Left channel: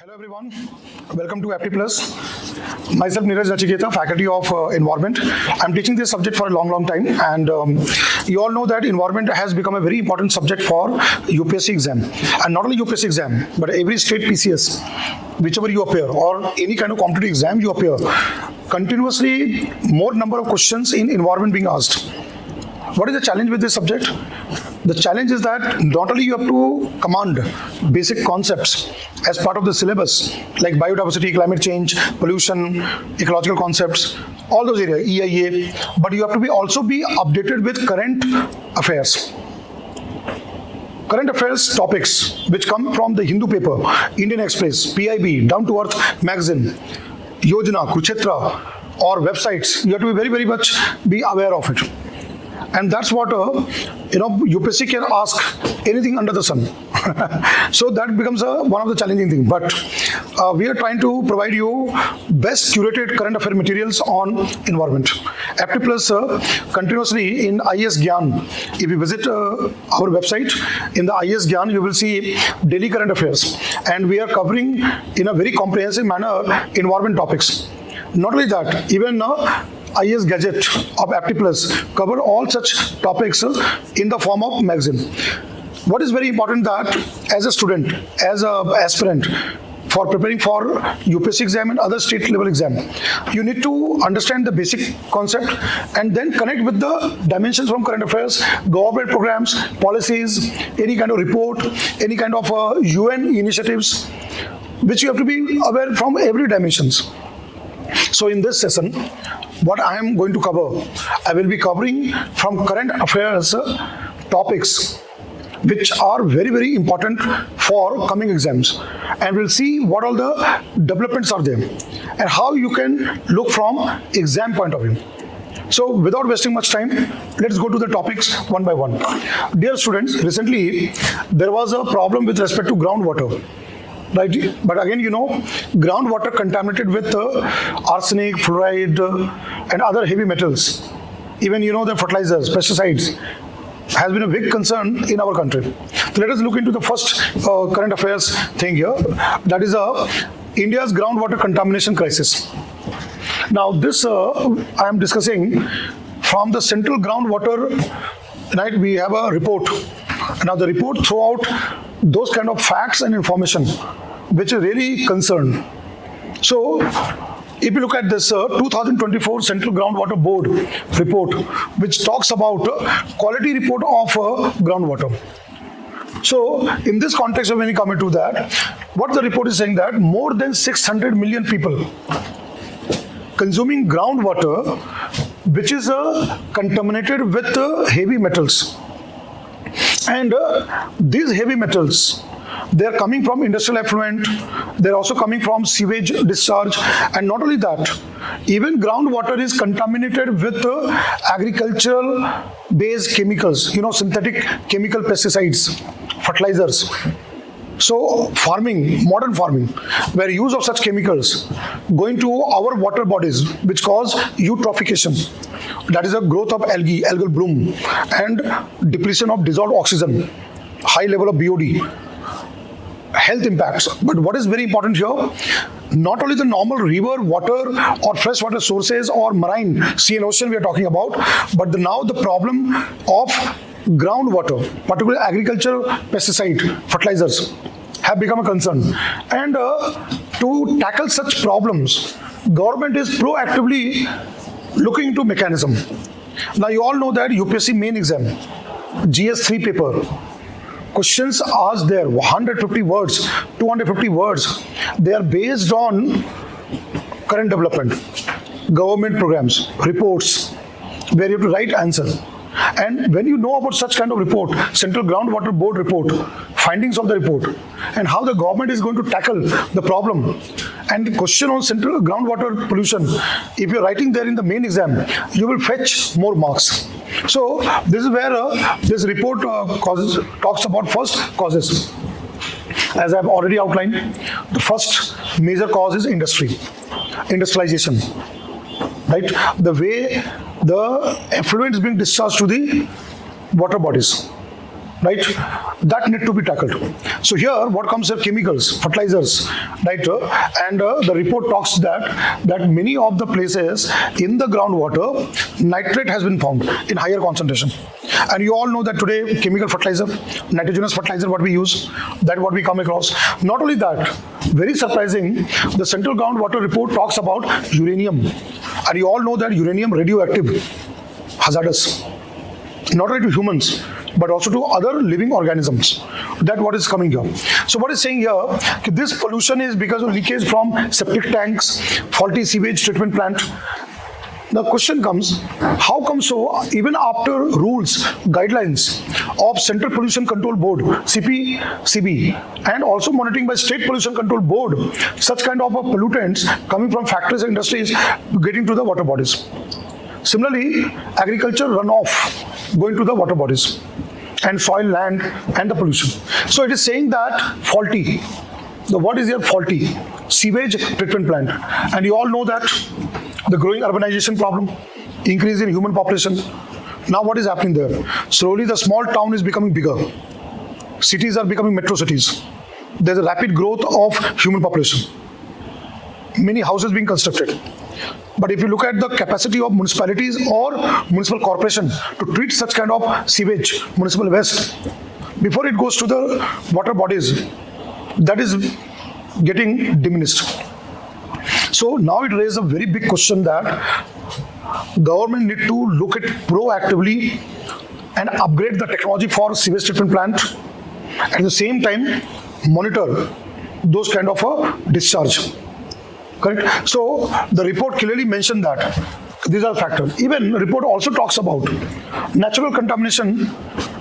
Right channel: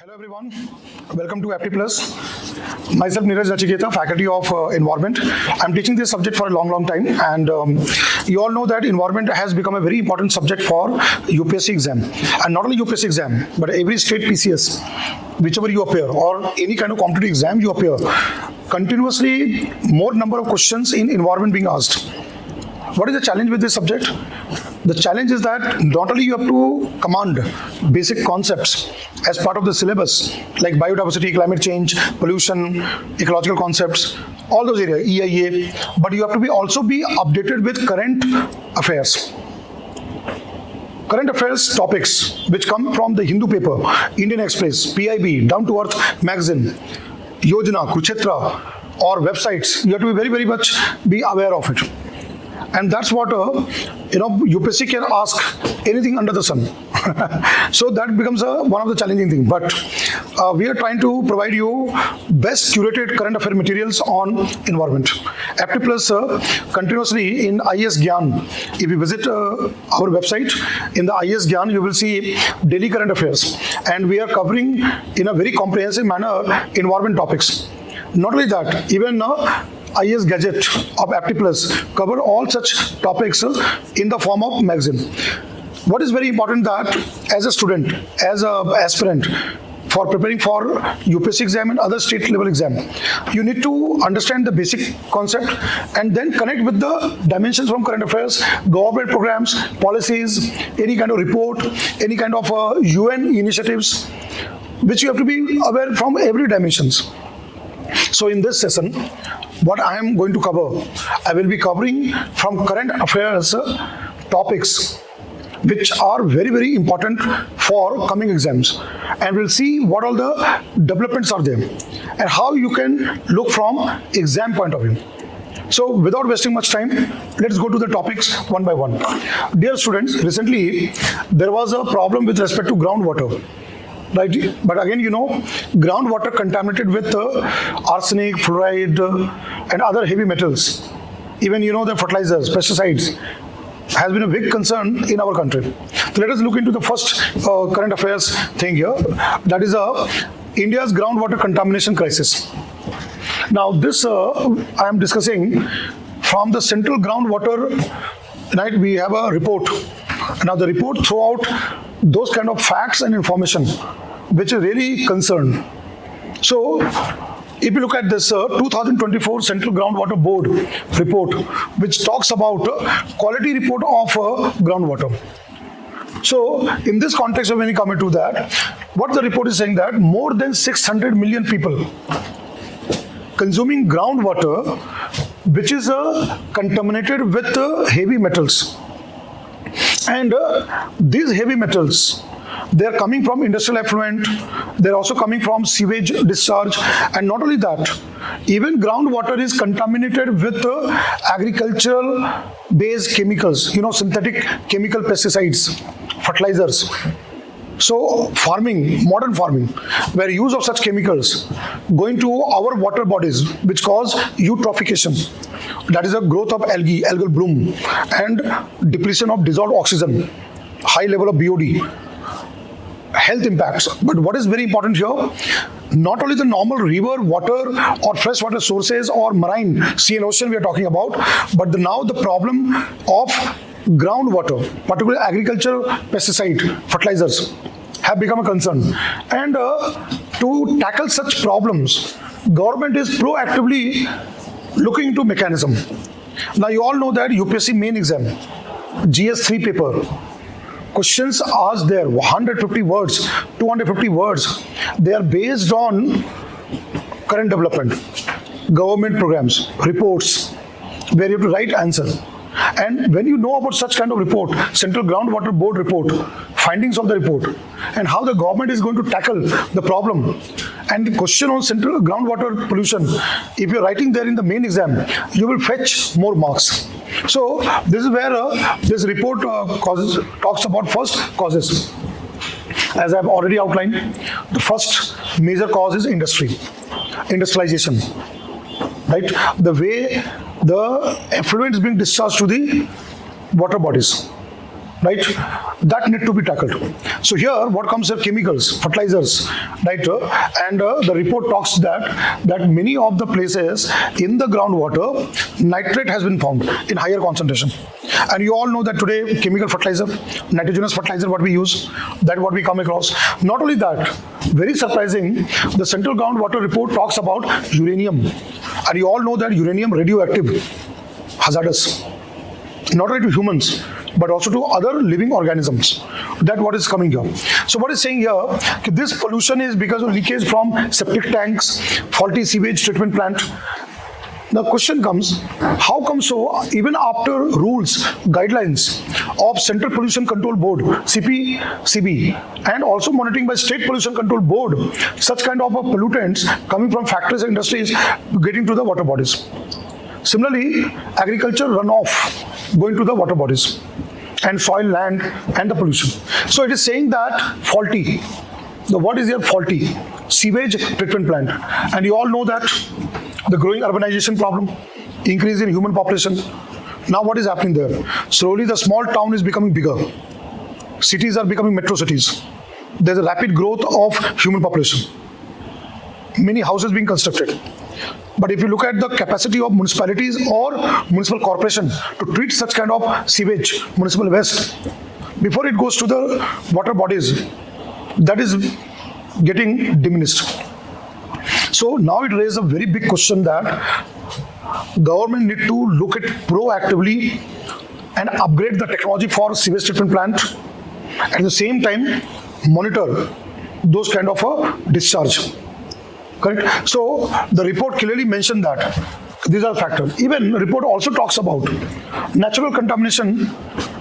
Hello everyone, welcome to Apti Plus. Myself Neeraj Nachiketa, faculty of environment. I'm teaching this subject for a long time, and you all know that environment has become a very important subject for UPSC exam, and not only UPSC exam, but every state PCS, whichever you appear, or any kind of competitive exam you appear, continuously more number of questions in environment being asked. What is the challenge with this subject? The challenge is that not only you have to command basic concepts as part of the syllabus, like biodiversity, climate change, pollution, ecological concepts, all those areas, EIA, but you have to also be updated with current affairs. Current affairs topics which come from the Hindu paper, Indian Express, PIB, Down to Earth magazine, Yojana, Kurukshetra, or websites, you have to be very much be aware of it. And that's what UPSC can ask anything under the sun. So that becomes one of the challenging things. But we are trying to provide you best curated current affair materials on environment. Apti Plus continuously in IS Gyan. If you visit our website, in the IS Gyan, you will see daily current affairs. And we are covering in a very comprehensive manner environment topics. Not only that, even IS Gadget of Apti Plus cover all such topics in the form of magazine. What is very important that as a student, as an aspirant, for preparing for UPSC exam and other state level exam, you need to understand the basic concept and then connect with the dimensions from current affairs, government programs, policies, any kind of report, any kind of UN initiatives, which you have to be aware from every dimensions. So in this session, what I am going to cover, I will be covering from current affairs topics which are very important for coming exams, and we'll see what all the developments are there and how you can look from exam point of view. So without wasting much time, let's go to the topics one by one. Dear students, recently there was a problem with respect to groundwater. Right, but again, groundwater contaminated with arsenic, fluoride, and other heavy metals. Even the fertilizers, pesticides, has been a big concern in our country. So let us look into the first current affairs thing here. That is India's groundwater contamination crisis. Now, this I am discussing from the Central Groundwater. Right, we have a report. Now, the report throw out those kind of facts and information which are really concerned. So, if you look at this 2024 Central Groundwater Board report, which talks about quality report of groundwater. So, in this context, when you come into that, what the report is saying that more than 600 million people consuming groundwater, which is contaminated with heavy metals. And these heavy metals, they are coming from industrial effluent, they are also coming from sewage discharge, and not only that, even groundwater is contaminated with agricultural based chemicals, synthetic chemical pesticides, fertilizers. So farming, modern farming, by the use of such chemicals going to our water bodies, which cause eutrophication, that is the growth of algae, algal bloom, and depletion of dissolved oxygen, high level of BOD, health impacts. But what is very important here, not only the normal river, water, or freshwater sources or marine, sea and ocean we are talking about, but now the problem of groundwater, particularly agriculture, pesticide, fertilizers, have become a concern. And to tackle such problems, government is proactively looking into mechanism. Now you all know that UPSC main exam, GS3 paper, questions asked there, 150 words, 250 words, they are based on current development, government programs, reports, where you have to write answer. And when you know about such kind of report, Central Groundwater Board report, findings of the report, and how the government is going to tackle the problem, and the question on central groundwater pollution, if you're writing there in the main exam, you will fetch more marks. So this is where this report talks about first causes. As I've already outlined, the first major cause is industrialization. Right? The way the effluent is being discharged to the water bodies. Right? that need to be tackled. So here, what comes are chemicals, fertilizers, right? And the report talks that many of the places in the groundwater, nitrate has been found in higher concentration. And you all know that today, chemical fertilizer, nitrogenous fertilizer, what we use, that what we come across. Not only that, very surprising, the Central Groundwater Report talks about uranium. And you all know that uranium radioactive, hazardous, not only to humans, but also to other living organisms. That's what is coming here. So what is saying here, this pollution is because of leakage from septic tanks, faulty sewage treatment plant. The question comes, how come so even after rules, guidelines of Central Pollution Control Board, CPCB, and also monitoring by State Pollution Control Board, such kind of pollutants coming from factories and industries getting to the water bodies. Similarly, agriculture runoff going to the water bodies and soil, land, and the pollution. So it is saying that faulty. The what is here faulty? Sewage treatment plant. And you all know that the growing urbanization problem, increase in human population. Now what is happening there? Slowly the small town is becoming bigger. Cities are becoming metro cities. There's a rapid growth of human population. Many houses being constructed. But if you look at the capacity of municipalities or municipal corporation to treat such kind of sewage, municipal waste, before it goes to the water bodies, that is getting diminished. So now it raises a very big question that government need to look at proactively and upgrade the technology for sewage treatment plant. At the same time, monitor those kind of a discharge. Correct? So the report clearly mentioned that these are factors. Even report also talks about natural contamination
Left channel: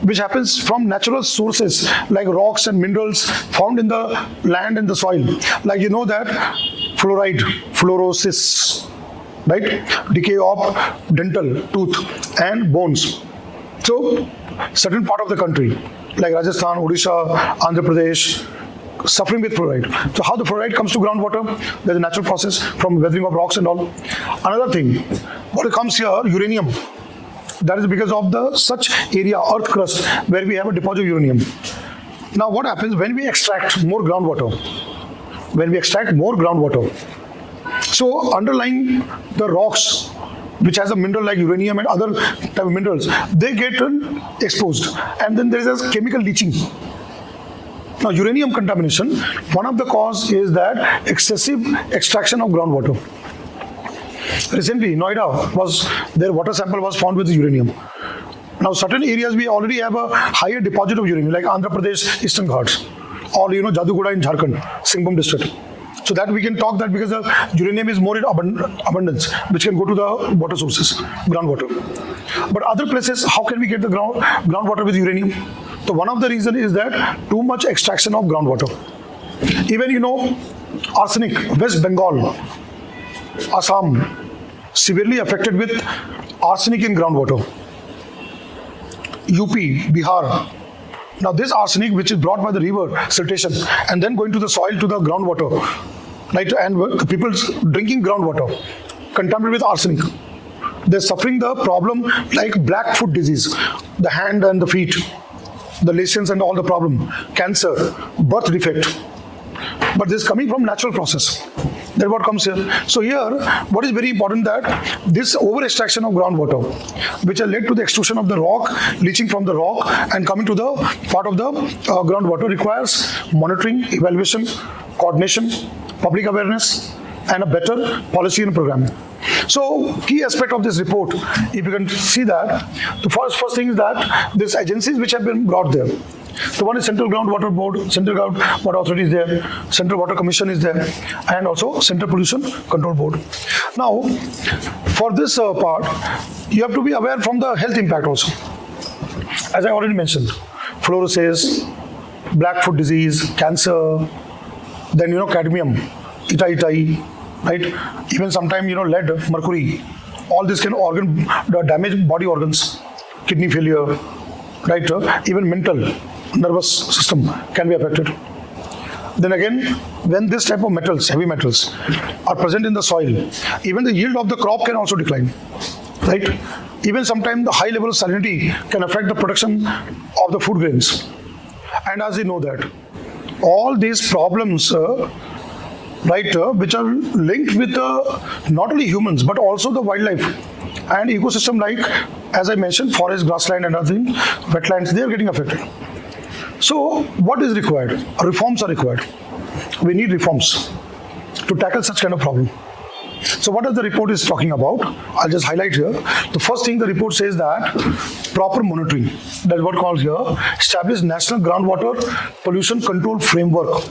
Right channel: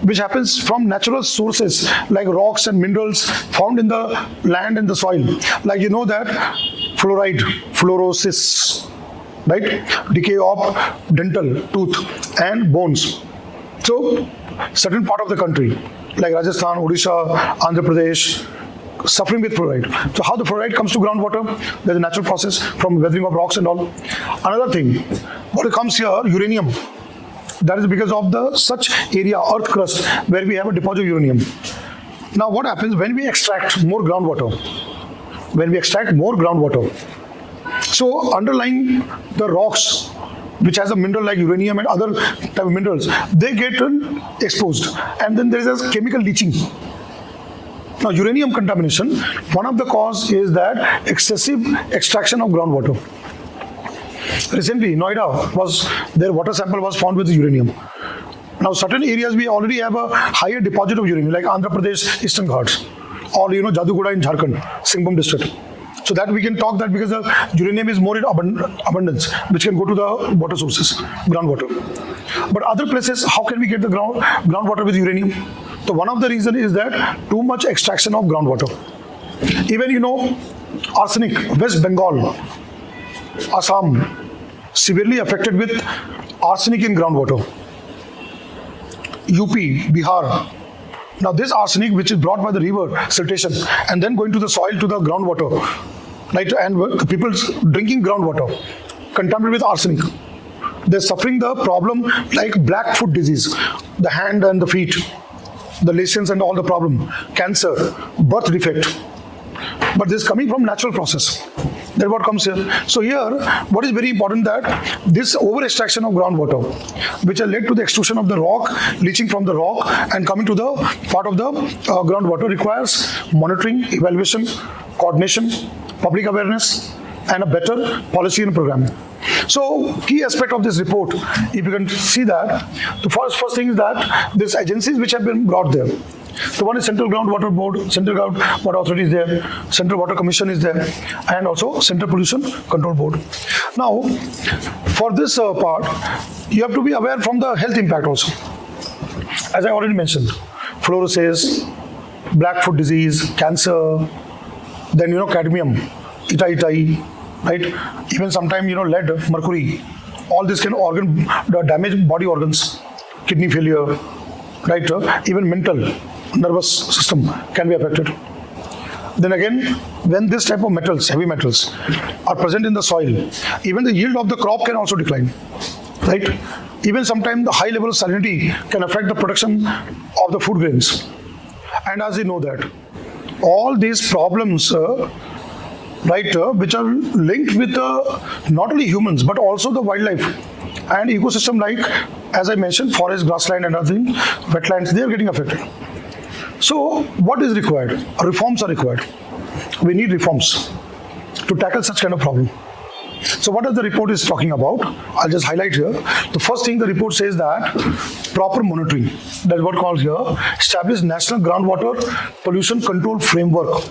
which happens from natural sources like rocks and minerals found in the land and the soil. Like you know that fluoride, fluorosis, right? Decay of dental, tooth and bones. So certain part of the country like Rajasthan, Odisha, Andhra Pradesh, suffering with fluoride. So how the fluoride comes to groundwater? There's a natural process from weathering of rocks and all. Another thing, what comes here, uranium. That is because of the such area, earth crust, where we have a deposit of uranium. Now what happens when we extract more groundwater? So underlying the rocks, which has a mineral like uranium and other type of minerals, they get exposed. And then there is a chemical leaching. Now, uranium contamination, one of the cause is that excessive extraction of groundwater. Recently, Noida their water sample was found with uranium. Now, certain areas we already have a higher deposit of uranium, like Andhra Pradesh, Eastern Ghats, or Jadugoda in Jharkhand, Singhbhum district. So that we can talk that because the uranium is more in abundance, which can go to the water sources, groundwater. But other places, how can we get the groundwater with uranium? So one of the reasons is that too much extraction of groundwater. Even arsenic, West Bengal, Assam, severely affected with arsenic in groundwater. UP, Bihar. Now this arsenic which is brought by the river siltation and then going to the soil to the groundwater, right? And the people drinking groundwater contaminated with arsenic. They're suffering the problem like black foot disease, the hand and the feet, the lesions and all the problem, cancer, birth defect. But this is coming from natural process. That's what comes here. So here, what is very important that this over extraction of groundwater, which has led to the extrusion of the rock, leaching from the rock and coming to the part of the groundwater requires monitoring, evaluation, coordination, public awareness, and a better policy and programming. So, key aspect of this report, if you can see that, the first thing is that there's agencies which have been brought there. So one is Central Groundwater Board, Central Groundwater Authority is there, Central Water Commission is there, and also Central Pollution Control Board. Now, for this part, you have to be aware from the health impact also. As I already mentioned, fluorosis, black foot disease, cancer, then cadmium, itai, right? Even sometimes lead, mercury. All this can damage body organs, kidney failure, right? Even mental, nervous system can be affected. Then again, when this type of metals, heavy metals, are present in the soil, even the yield of the crop can also decline, right? Even sometimes the high level of salinity can affect the production of the food grains. And as you know that, all these problems, which are linked with not only humans but also the wildlife and ecosystem, like as I mentioned, forest, grassland, and other thing, wetlands, they are getting affected. So what is required? Reforms are required. We need reforms to tackle such kind of problem. So what does the report is talking about? I'll just highlight here. The first thing the report says that proper monitoring. That's what calls here establish national groundwater pollution control framework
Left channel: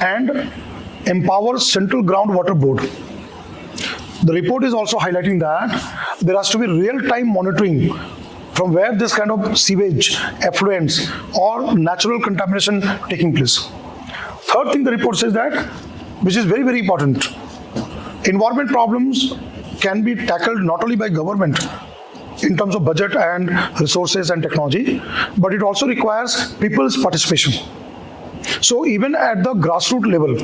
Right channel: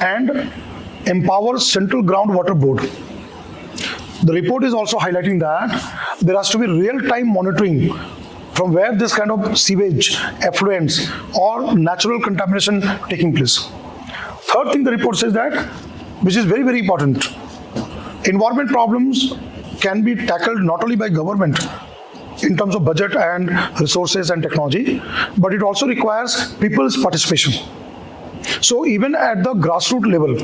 and empower central groundwater board. The report is also highlighting that there has to be real-time monitoring from where this kind of sewage, effluents or natural contamination taking place. Third thing the report says that, which is very, very important, environment problems can be tackled not only by government in terms of budget and resources and technology, but it also requires people's participation. So even at the grassroots level,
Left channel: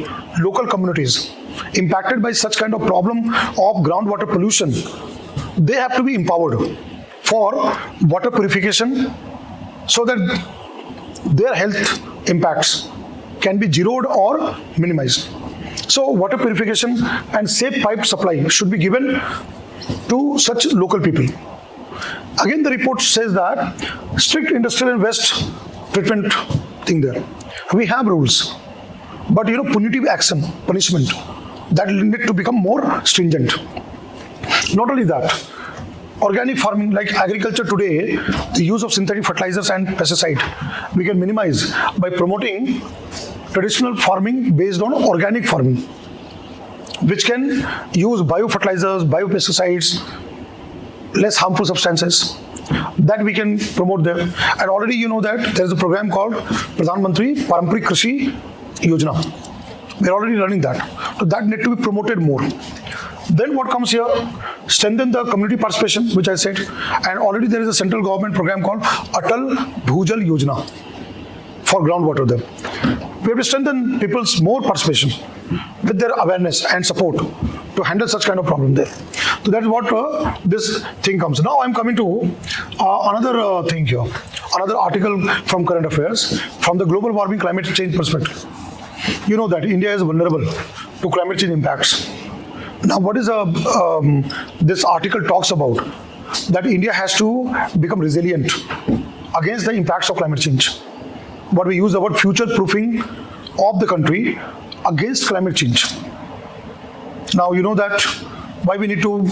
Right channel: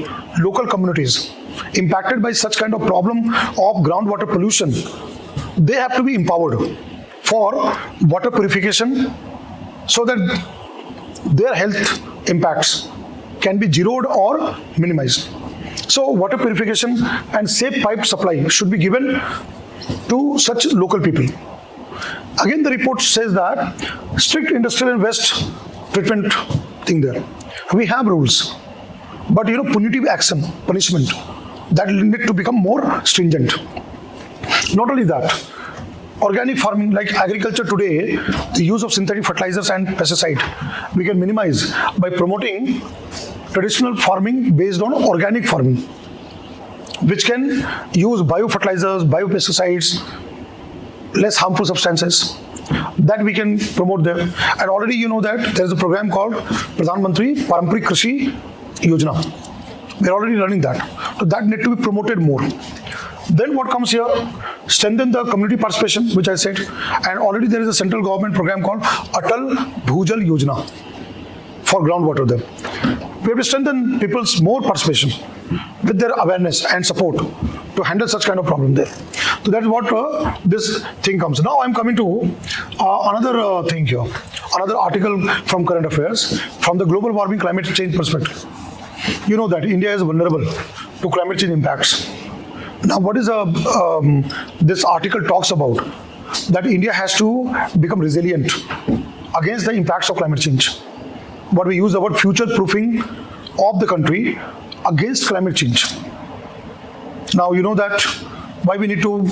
local communities impacted by such kind of problem of groundwater pollution, they have to be empowered for water purification so that their health impacts can be zeroed or minimized. So water purification and safe pipe supply should be given to such local people. Again, the report says that strict industrial and waste treatment thing there. We have rules, but punitive action, punishment, that need to become more stringent. Not only that, organic farming, like agriculture today, the use of synthetic fertilizers and pesticide, we can minimize by promoting traditional farming based on organic farming, which can use biofertilizers, biopesticides, less harmful substances, that we can promote there. And already you know that there is a program called Pradhan Mantri Paramparik Krishi Yojana. We are already learning that. So that need to be promoted more. Then what comes here? Strengthen the community participation, which I said. And already there is a central government program called Atal Bhujal Yojana for groundwater there. We have to strengthen people's more participation with their awareness and support to handle such kind of problem there. So that's what this thing comes. Now I'm coming to another thing here. Another article from Current Affairs from the global warming climate change perspective. You know that India is vulnerable to climate change impacts. Now what is this article talks about? That India has to become resilient against the impacts of climate change. What we use the word future-proofing of the country against climate change. Now you know that why we need to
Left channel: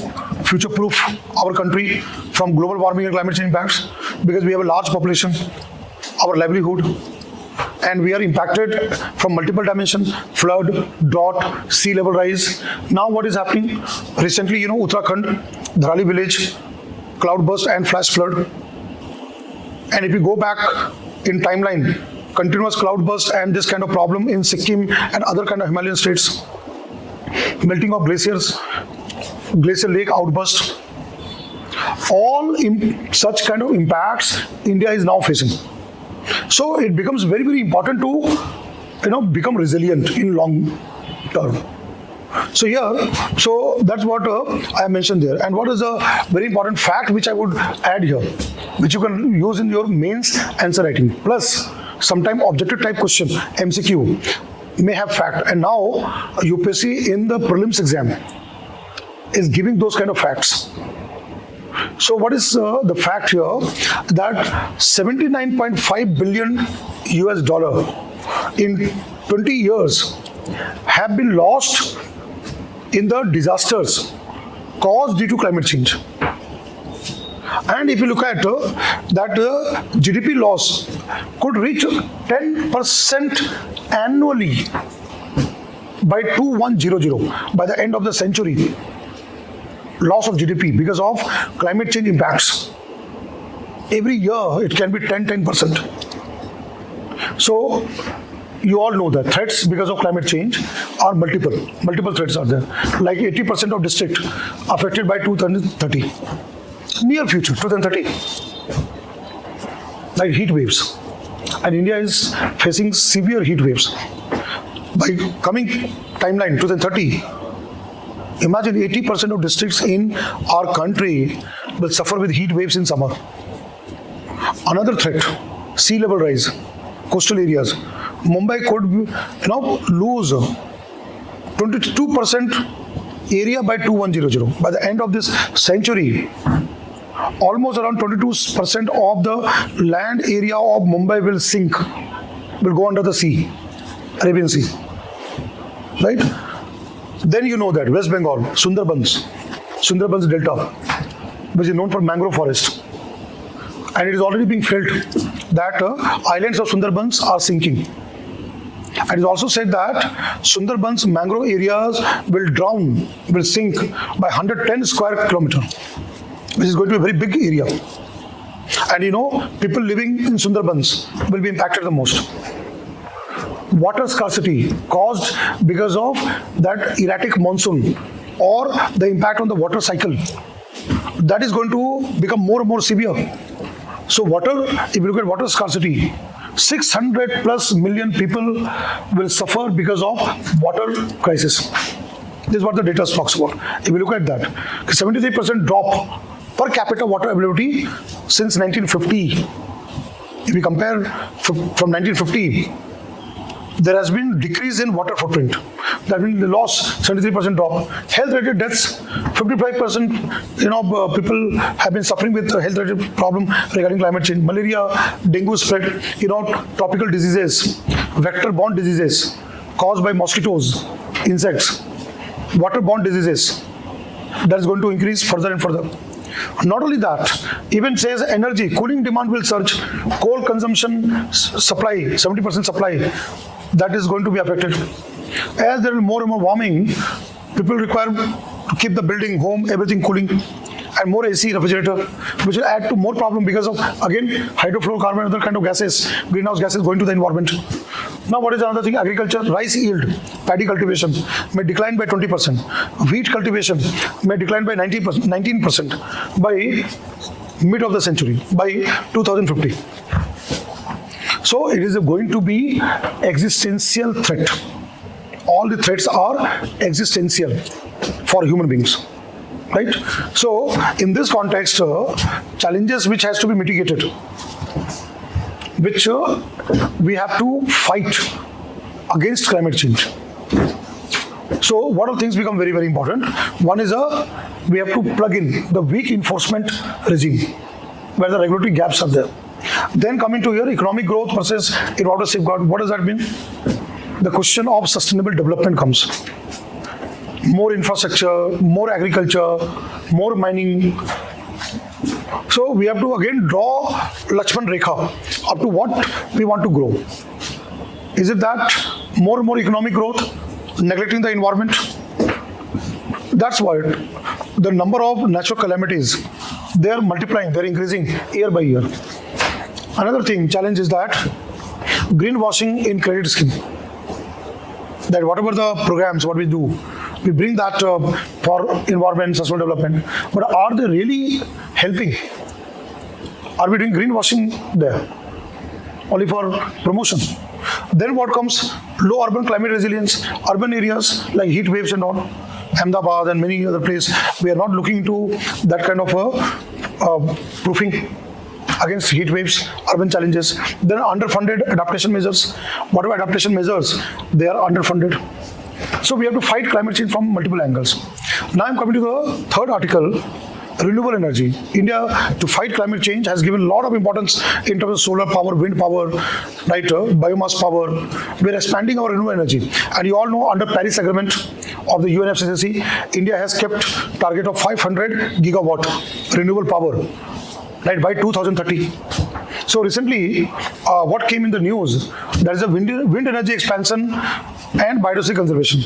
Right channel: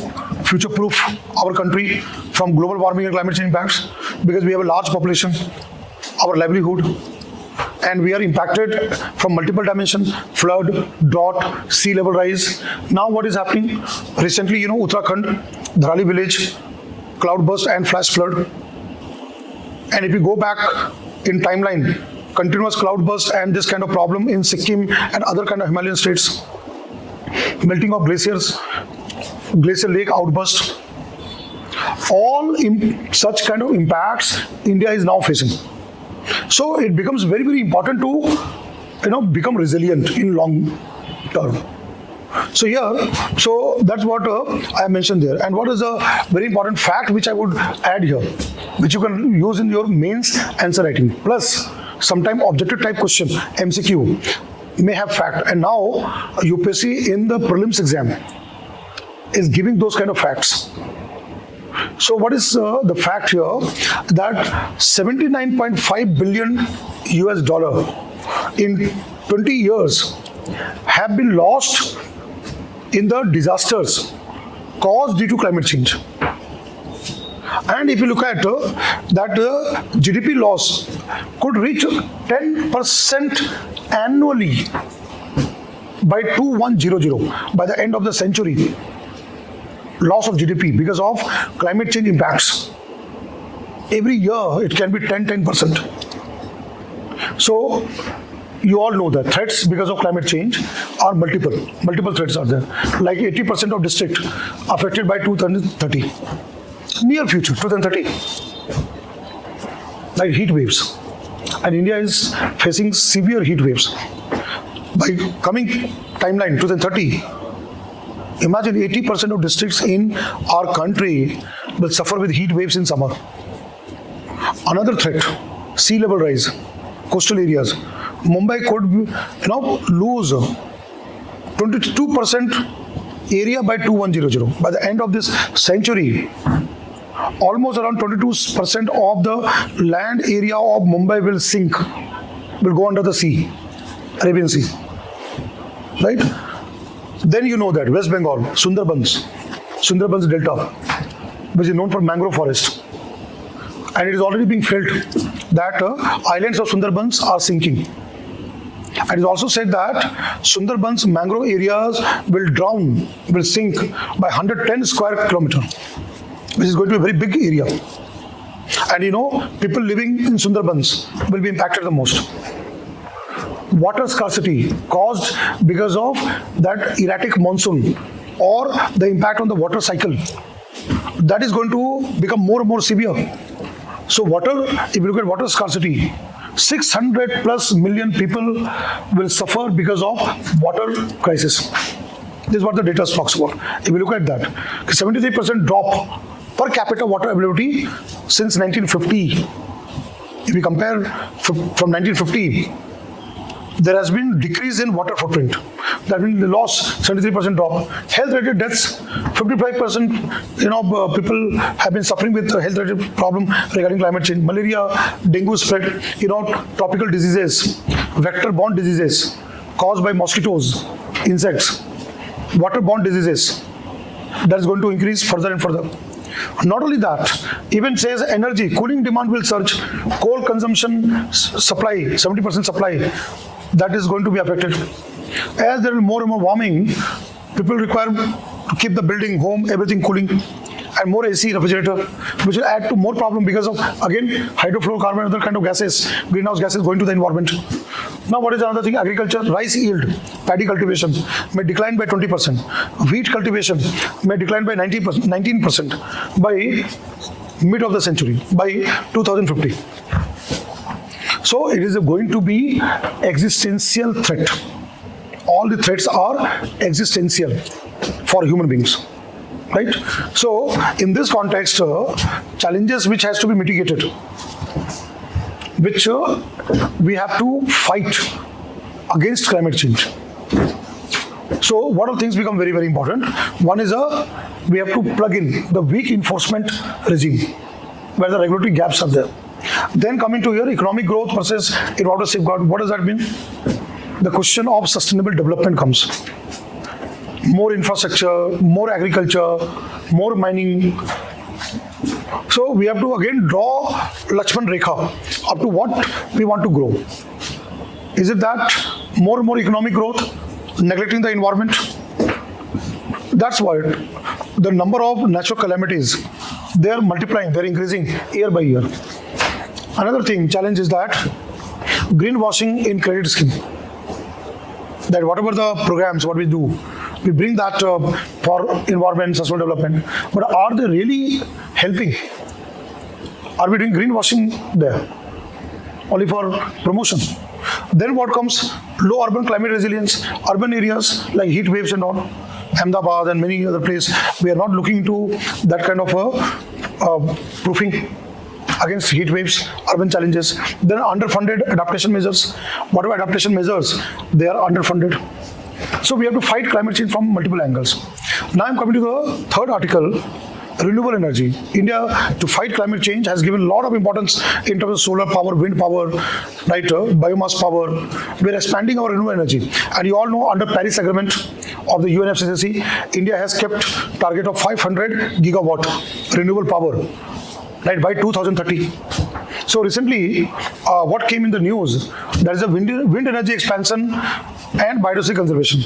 future-proof our country from global warming and climate change impacts, because we have a large population, our livelihood, and we are impacted from multiple dimensions: flood, drought, sea level rise. Now what is happening? Recently, Uttarakhand, Dharali village, cloudburst and flash flood. And if you go back in timeline, continuous cloudburst and this kind of problem in Sikkim and other kind of Himalayan states, melting of glaciers, glacier lake outburst, all such kind of impacts India is now facing. So it becomes very, very important to become resilient in long term. So that's what I mentioned there. And what is a very important fact which I would add here, which you can use in your mains answer writing, plus sometime objective type question, MCQ, may have fact. And now UPSC in the prelims exam is giving those kind of facts. So what is the fact here? That $79.5 billion US in 20 years have been lost in the disasters caused due to climate change. And if you look at that GDP loss could reach 10% annually by 2100 by the end of the century. Loss of GDP because of climate change impacts. Every year it can be 10%. So you all know that threats because of climate change are multiple threats are there. Like 80% of districts affected by 2030. Near future, 2030. Like heat waves. And India is facing severe heat waves. By coming timeline, 2030, imagine 80% of districts in our country will suffer with heat waves in summer. Another threat, sea level rise. coastal areas, Mumbai could, lose 22% area by 2100. By the end of this century, almost around 22% of the land area of Mumbai will sink, will go under the sea, Arabian Sea. Right? Then you know that West Bengal, Sundarbans Delta, which is known for mangrove forest. And it is already being felt that islands of Sundarbans are sinking. And it is also said that Sundarbans mangrove areas will sink by 110 square kilometer, which is going to be a very big area. And people living in Sundarbans will be impacted the most. Water scarcity caused because of that erratic monsoon or the impact on the water cycle, that is going to become more and more severe. So if you look at water scarcity, 600 plus million people will suffer because of water crisis. This is what the data talks about. If you look at that, 73% drop per capita water availability since 1950. If we compare from 1950, there has been decrease in water footprint. That means the loss, 73% drop. Health-related deaths, 55%. People have been suffering with health-related problem regarding climate change. Malaria, dengue spread. Tropical diseases, vector-borne diseases caused by mosquitoes, insects, water-borne diseases. That is going to increase further and further. Not only that, even says energy, cooling demand will surge. Coal consumption supply, 70% supply, that is going to be affected. As there will be more and more warming, people require to keep the building, home, everything cooling, and more AC, refrigerator, which will add to more problem because of, again, hydrofluorocarbon and other kind of gases, greenhouse gases going to the environment. Now, what is another thing? Agriculture, rice yield, paddy cultivation may decline by 20%. Wheat cultivation may decline by 19% by mid of the century, by 2050. So, it is going to be existential threat. All the threats are existential for human beings. Right? So, in this context, challenges which has to be mitigated, which we have to fight against climate change. So, what are things become very, very important? One is we have to plug in the weak enforcement regime, where the regulatory gaps are there. Then coming to here, economic growth versus environmental safeguard. What does that mean? The question of sustainable development comes. More infrastructure, more agriculture, more mining. So we have to again draw Lakshman Rekha up to what we want to grow. Is it that more and more economic growth, neglecting the environment? That's why the number of natural calamities, they are multiplying, they are increasing year by year. Another thing, challenge is that greenwashing in credit scheme. That whatever the programs, what we do, we bring that for environment, sustainable development. But are they really helping? Are we doing greenwashing there? Only for promotion. Then what comes? Low urban climate resilience, urban areas like heat waves and all, Ahmedabad and many other places. We are not looking into that kind of proofing against heat waves, urban challenges. Then underfunded adaptation measures. Whatever adaptation measures, they are underfunded. So we have to fight climate change from multiple angles. Now I'm coming to the third article, renewable energy. India, to fight climate change, has given a lot of importance in terms of solar power, wind power, right, biomass power. We're expanding our renewable energy. And you all know under Paris Agreement of the UNFCCC, India has kept target of 500 gigawatt renewable power. Right, by 2030. So recently, what came in the news, there is a wind energy expansion and biodiversity conservation.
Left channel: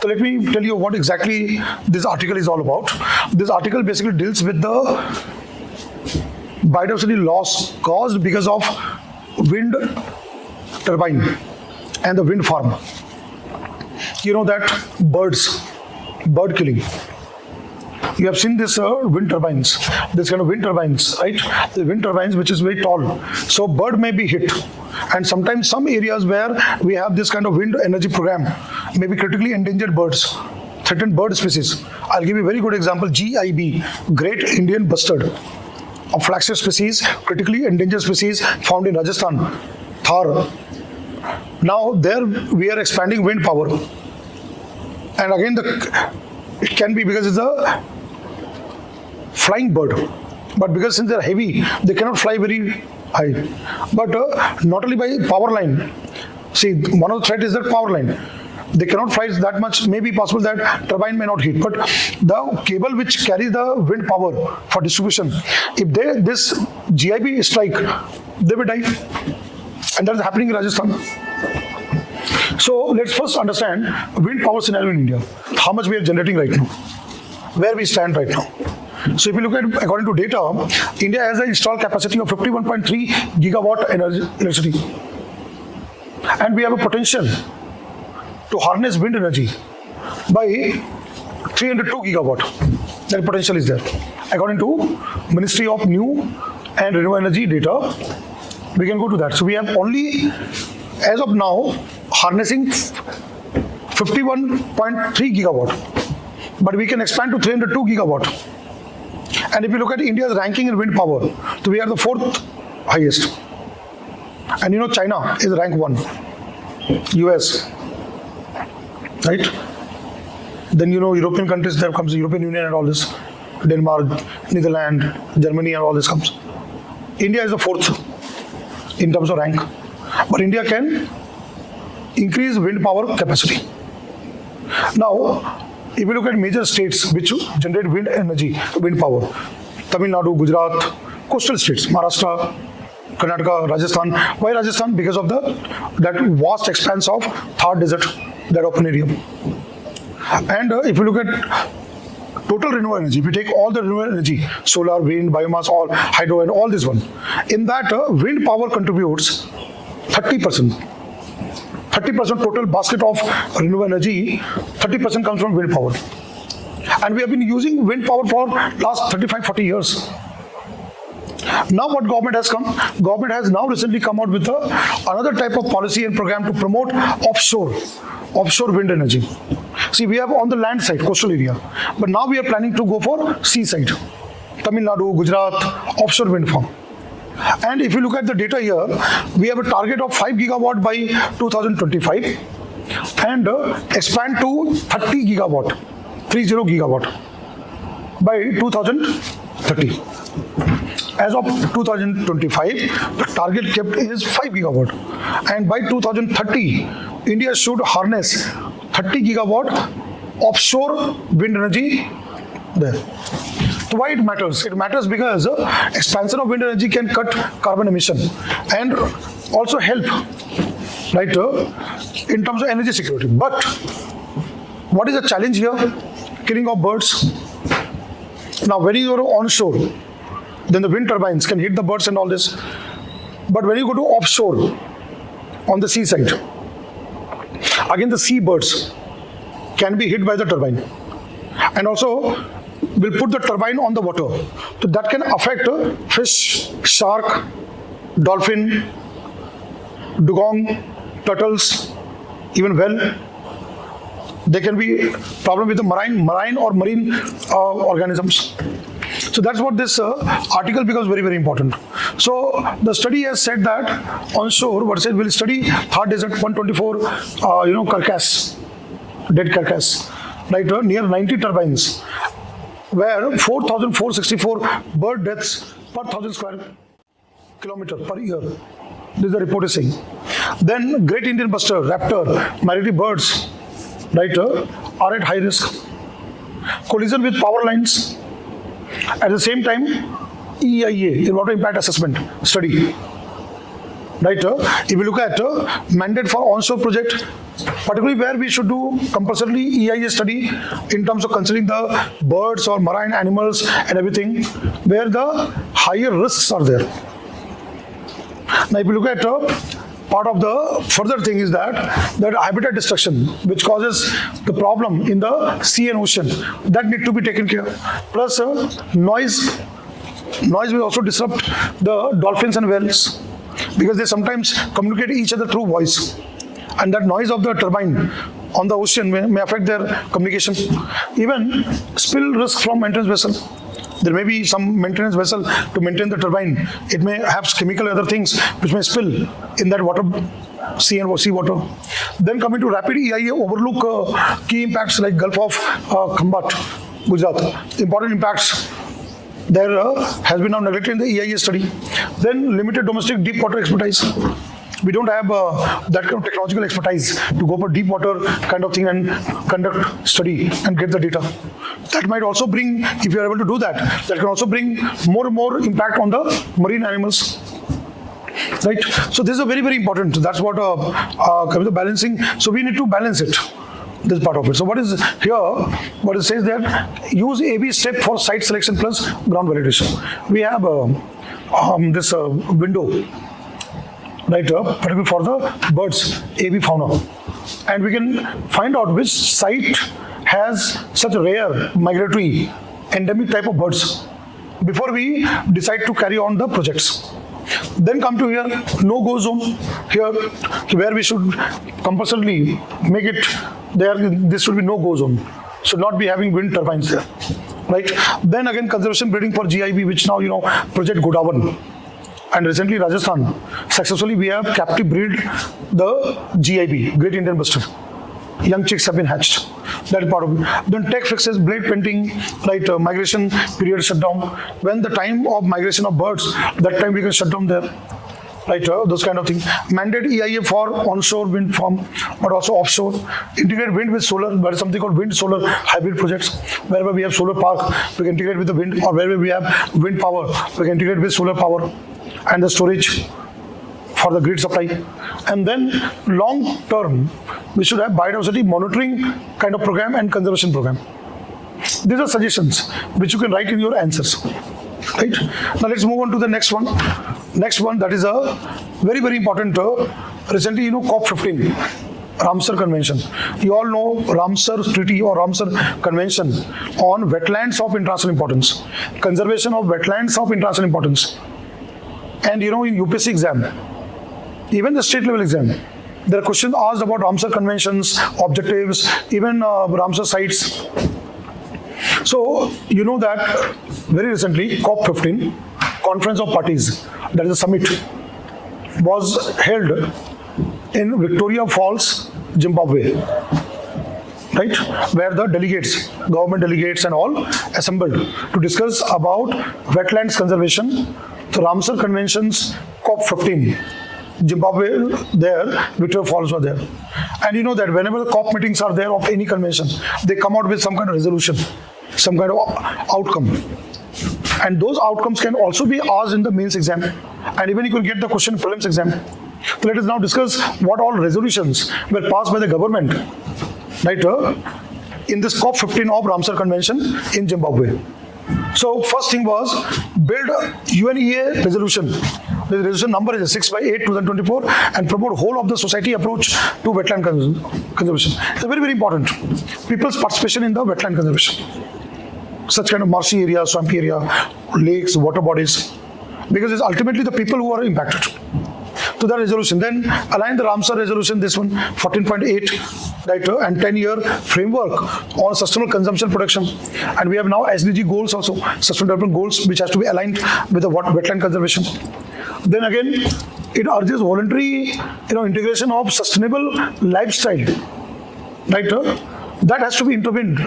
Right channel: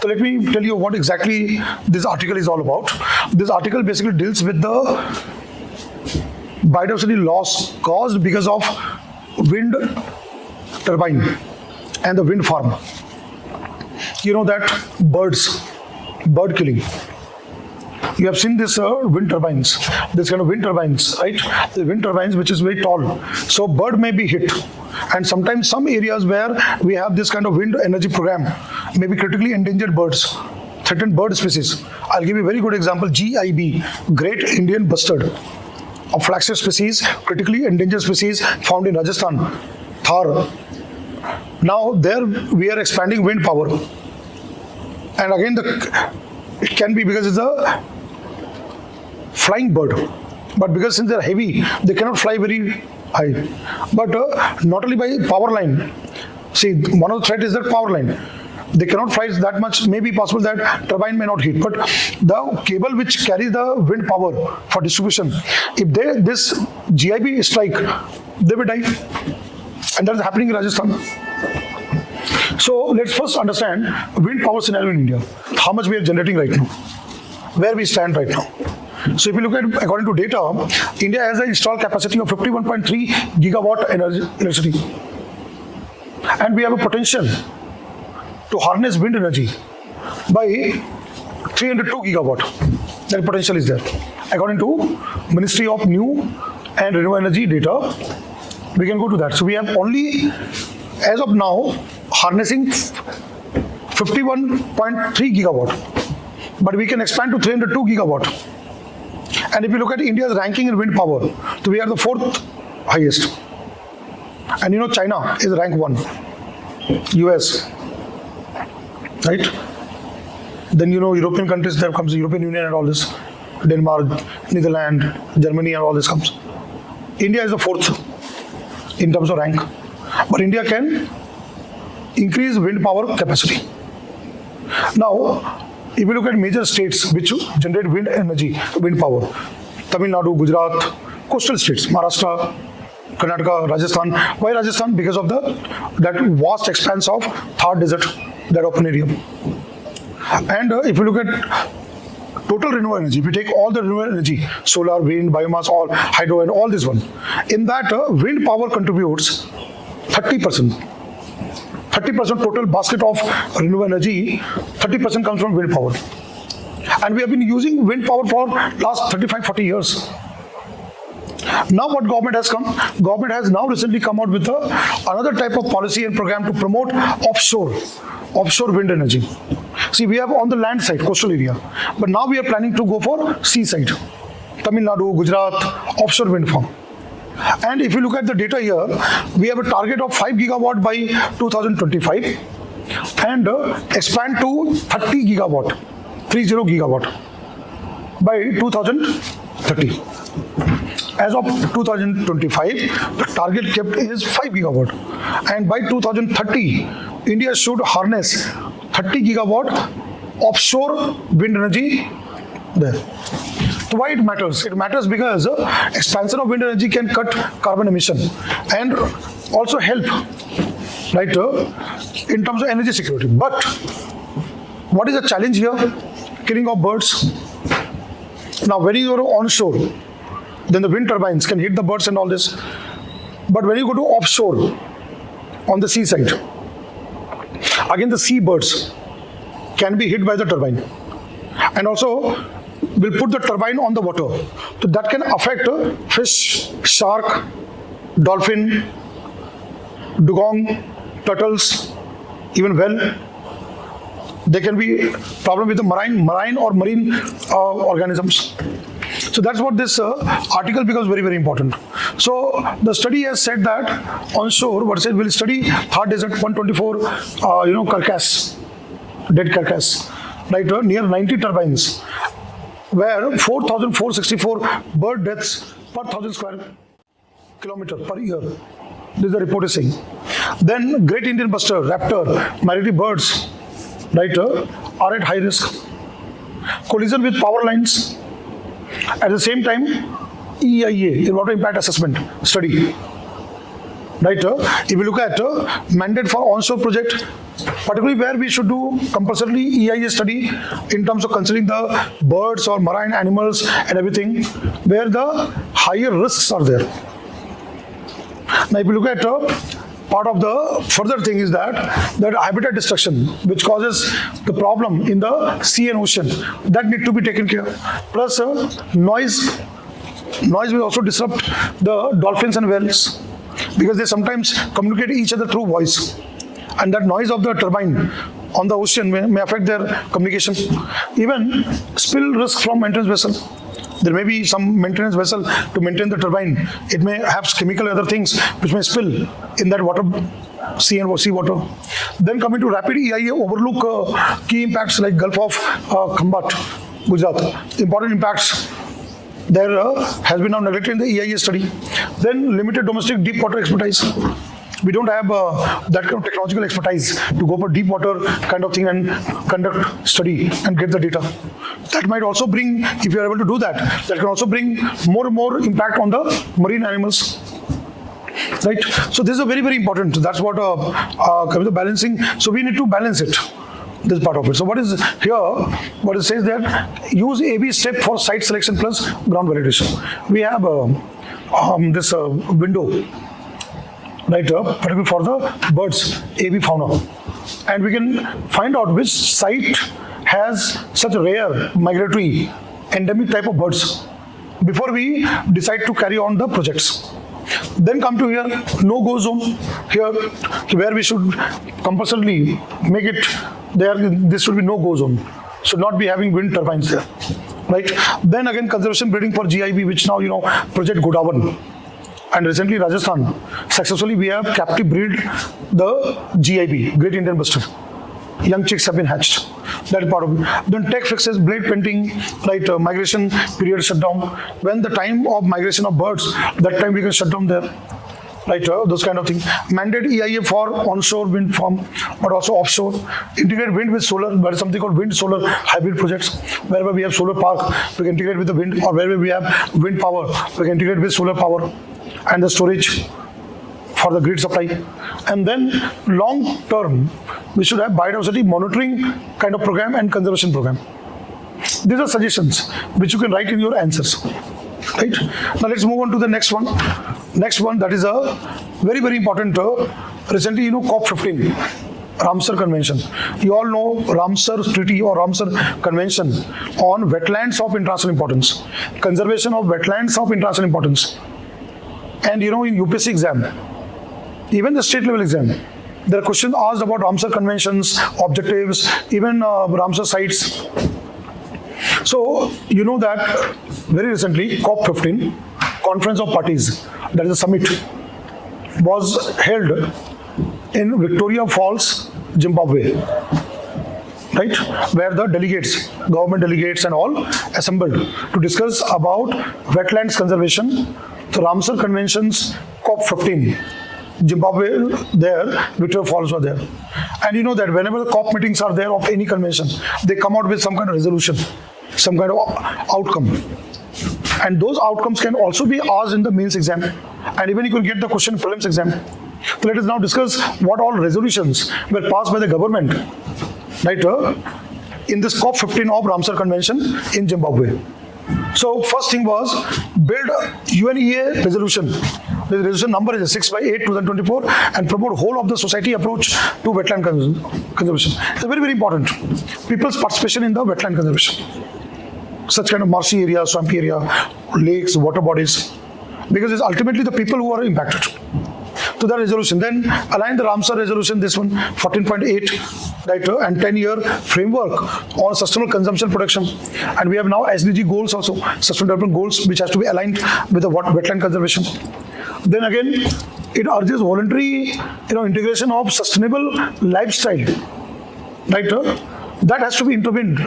So let me tell you what exactly this article is all about. This article basically deals with the biodiversity loss caused because of wind turbine and the wind farm. You know that bird killing. You have seen this wind turbines, this kind of wind turbines, right? The wind turbines which is very tall. So bird may be hit. And sometimes some areas where we have this kind of wind energy program, maybe critically endangered birds, threatened bird species. I'll give you a very good example, GIB, Great Indian Bustard, a flagship species, critically endangered species found in Rajasthan. Thar. Now there we are expanding wind power. And again it can be because it's a flying bird. But because since they're heavy, they cannot fly very high. But not only by power line. See, one of the threat is the power line. They cannot fly that much. May be possible that turbine may not hit. But the cable which carries the wind power for distribution, if this GIB strike, they will die. And that's happening in Rajasthan. So let's first understand wind power scenario in India. How much we are generating right now. Where we stand right now. So if you look at, according to data, India has an installed capacity of 51.3 gigawatt electricity. And we have a potential to harness wind energy by 302 gigawatt. That potential is there. According to Ministry of New and Renewable Energy data, we can go to that. So we are only, as of now, harnessing 51.3 gigawatt. But we can expand to 302 gigawatt. And if you look at India's ranking in wind power, so we are the 4th highest. And China is rank 1. US. Right? Then European countries, there comes the European Union and all this. Denmark, Netherlands, Germany and all this comes. India is the 4th in terms of rank. But India can increase wind power capacity. Now, if you look at major states which generate wind energy, wind power, Tamil Nadu, Gujarat, coastal states, Maharashtra, Karnataka, Rajasthan. Why Rajasthan? Because of that vast expanse of Thar Desert, that open area. And if you look at total renewable energy, if you take all the renewable energy, solar, wind, biomass, all hydro and all this one, in that wind power contributes 30%. 30% total basket of renewable energy, 30% comes from wind power. And we have been using wind power for last 35-40 years. Now what government has come? Government has now recently come out with another type of policy and program to promote offshore wind energy. See, we have on the land side, coastal area, but now we are planning to go for sea side. Tamil Nadu, Gujarat, offshore wind farm. And if you look at the data here, we have a target of 5 gigawatt by 2025 and expand to 30 gigawatt, 30 gigawatt by 2030. As of 2025, the target kept is 5 gigawatt. And by 2030, India should harness 30 gigawatt offshore wind energy there. So why it matters? It matters because expansion of wind energy can cut carbon emission and also help, right, in terms of energy security. But what is the challenge here? Killing of birds. Now, when you go to onshore, then the wind turbines can hit the birds and all this. But when you go to offshore, on the seaside, again the sea birds can be hit by the turbine. And also, will put the turbine on the water. So that can affect fish, shark, dolphin, dugong, turtles, even whale. There can be problem with the marine organisms. So that's what this article becomes very, very important. So the study has said that onshore versus will study Thar Desert 124, carcass, dead carcass, right, near 90 turbines, where 4,464 bird deaths per 1,000 square kilometer per year. This is the report is saying. Then Great Indian Bustard, raptor, migratory birds, right, are at high risk. Collision with power lines. At the same time, EIA, Environmental Impact Assessment study. Right, if you look at mandate for onshore project, particularly where we should do compulsorily EIA study in terms of considering the birds or marine animals and everything, where the higher risks are there. Now, if you look at part of the further thing is that habitat destruction, which causes the problem in the sea and ocean, that need to be taken care of. Plus, noise will also disrupt the dolphins and whales, because they sometimes communicate each other through voice, and that noise of the turbine on the ocean may affect their communication. Even spill risk from entrance vessel, There may be some maintenance vessel to maintain the turbine. It may have chemical other things which may spill in that water, sea water. Then coming to rapid EIA, overlook key impacts like Gulf of Khambat, Gujarat. Important impacts there has been now neglected in the EIA study. Then limited domestic deep water expertise. We don't have that kind of technological expertise to go to deep water kind of thing and conduct study and get the data. That might also bring, if you are able to do that, that can also bring more impact on the marine animals. Right? So this is very, very important. That's what comes to balancing. So we need to balance it. This part of it. So what is here? What it says there? Use AB step for site selection plus ground validation. We have this window, right? Particularly for the birds, AB fauna, and we can find out which site has such rare migratory endemic type of birds before we decide to carry on the projects. Then come to here, no-go zone here, where we should compulsorily make it there. This should be no-go zone. Should not be having wind turbines there, right? Then again, conservation breeding for GIB, which now Project Godawan, and recently Rajasthan successfully we have captive breed the GIB, Great Indian Bustard. Young chicks have been hatched. That is part of it. Then tech fixes, blade painting, right? Migration period shutdown. When the time of migration of birds, that time we can shut down there. Right? Those kind of things. Mandate EIA for onshore wind farm, but also offshore. Integrate wind with solar. There is something called wind solar hybrid projects. Wherever we have solar park, we can integrate with the wind, or wherever we have wind power, we can integrate with solar power and the storage for the grid supply. And then long term, we should have biodiversity monitoring kind of program and conservation program. These are suggestions which you can write in your answers. Right? Now let's move on to the next one. Next one, that is a very, very important. Recently, COP15, Ramsar Convention. You all know Ramsar Treaty or Ramsar Convention on wetlands of international importance. Conservation of wetlands of international importance. And in UPSC exam, even the state level exam, there are questions asked about Ramsar Conventions, objectives, even Ramsar sites. So, you know that very recently, COP15, Conference of Parties, that is a summit, was held in Victoria Falls, Zimbabwe. Right? Where the delegates, government delegates and all assembled to discuss about wetlands conservation. So, Ramsar Conventions, COP15. Zimbabwe there, Victoria Falls are there. And you know that whenever the COP meetings are there of any convention, they come out with some kind of resolution, some kind of outcome. And those outcomes can also be asked in the mains exam. And even you can get the question prelims exam. So let us now discuss what all resolutions were passed by the government, right, in this COP15 of Ramsar Convention in Zimbabwe. So first thing was build a UNEA resolution. The resolution number is 6/8/2024 and promote whole of the society approach to wetland conservation. It's very, very important. People's participation in the wetland conservation. Such kind of marshy area, swampy area, lakes, water bodies, because it's ultimately the people who are impacted. To the resolution. Then align the Ramsar resolution, this one, 14.8, right, and 10-year framework on sustainable consumption production. And we have now SDG goals also, sustainable development goals, which has to be aligned with the wetland conservation. Then again, it urges voluntary, integration of sustainable lifestyle, right? That has to be intervened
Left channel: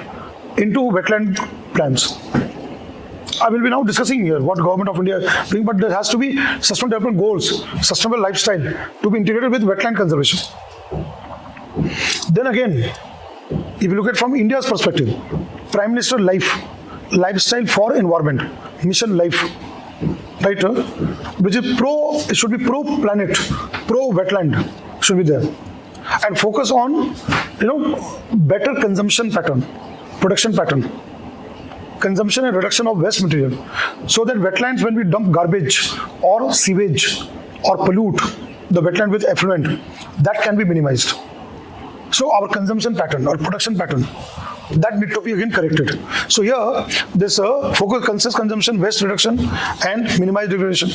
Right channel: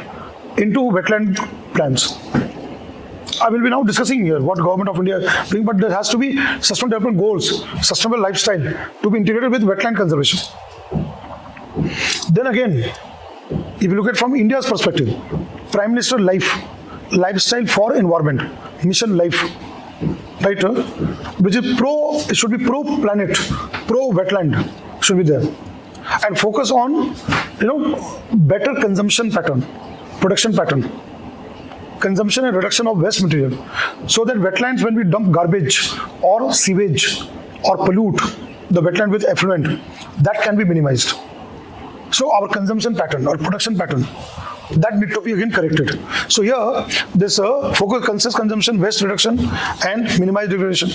into wetland plans. I will be now discussing here what government of India is doing, but there has to be sustainable development goals, sustainable lifestyle to be integrated with wetland conservation. Then again, if you look at from India's perspective, Prime Minister lifestyle for environment, mission life, right? Which is it should be pro-planet, pro-wetland, should be there, and focus on, better consumption pattern, production pattern. Consumption and reduction of waste material, so that wetlands, when we dump garbage or sewage or pollute the wetland with effluent, that can be minimized. So our consumption pattern or production pattern, that need to be again corrected. So here this focus conscious consumption, waste reduction and minimize degradation.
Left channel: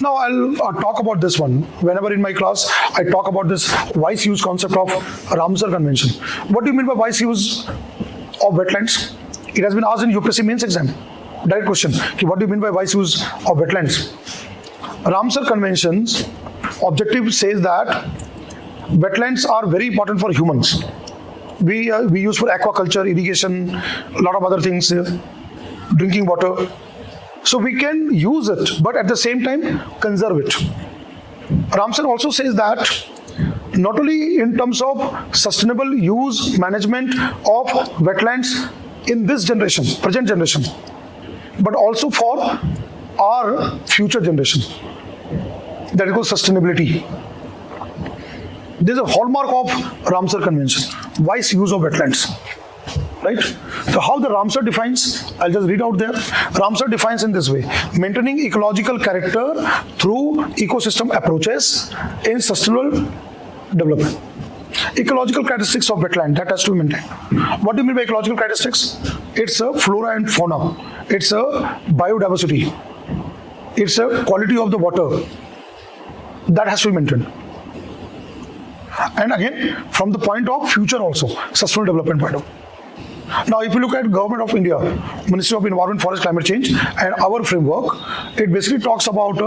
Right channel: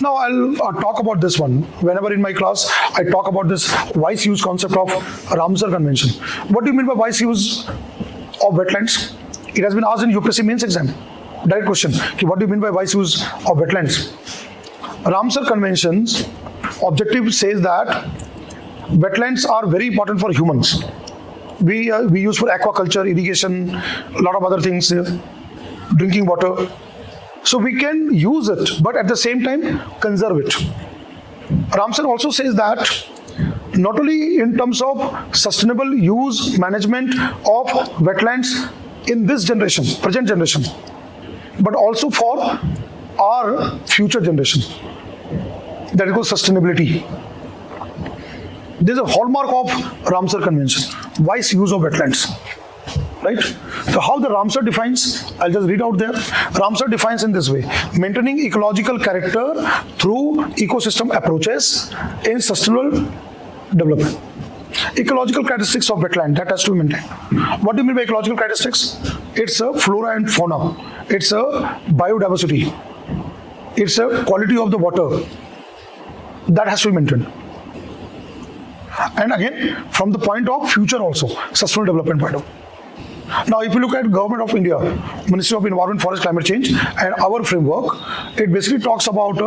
Now I'll talk about this one. Whenever in my class I talk about this wise use concept of Ramsar Convention. What do you mean by wise use of wetlands? It has been asked in UPSC mains exam. Direct question. What do you mean by wise use of wetlands? Ramsar Convention's objective says that wetlands are very important for humans. We use for aquaculture, irrigation, a lot of other things, drinking water. So we can use it, but at the same time conserve it. Ramsar also says that not only in terms of sustainable use management of wetlands in this generation, present generation, but also for our future generation. That is called sustainability. This is a hallmark of Ramsar Convention, wise use of wetlands. Right? So how the Ramsar defines, I'll just read out there. Ramsar defines in this way: maintaining ecological character through ecosystem approaches in sustainable development. Ecological characteristics of wetland that has to be maintained. What do you mean by ecological characteristics? It's a flora and fauna. It's a biodiversity. It's a quality of the water that has to be maintained. And again, from the point of future also, sustainable development point of view. Now, if you look at Government of India, Ministry of Environment, Forest, Climate Change, and our framework, it basically talks about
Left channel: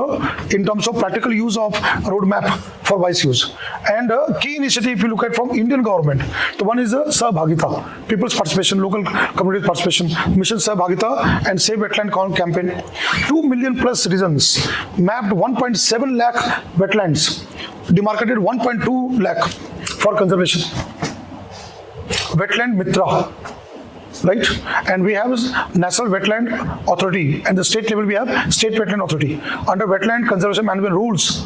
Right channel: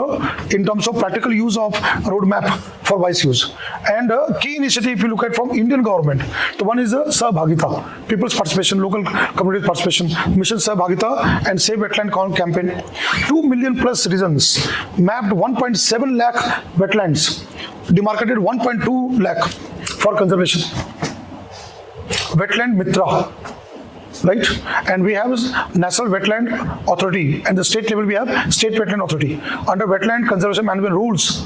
in terms of practical use of roadmap for wise use. And key initiative, if you look at from Indian government, the one is Sahbhagita, people's participation, local community participation, Mission Sahbhagita and Save Wetland campaign. 2 million plus citizens mapped 1.7 lakh wetlands, demarcated 1.2 lakh for conservation. Wetland Mitra. Right, and we have National Wetland Authority, and the state level we have State Wetland Authority under Wetland Conservation Management rules.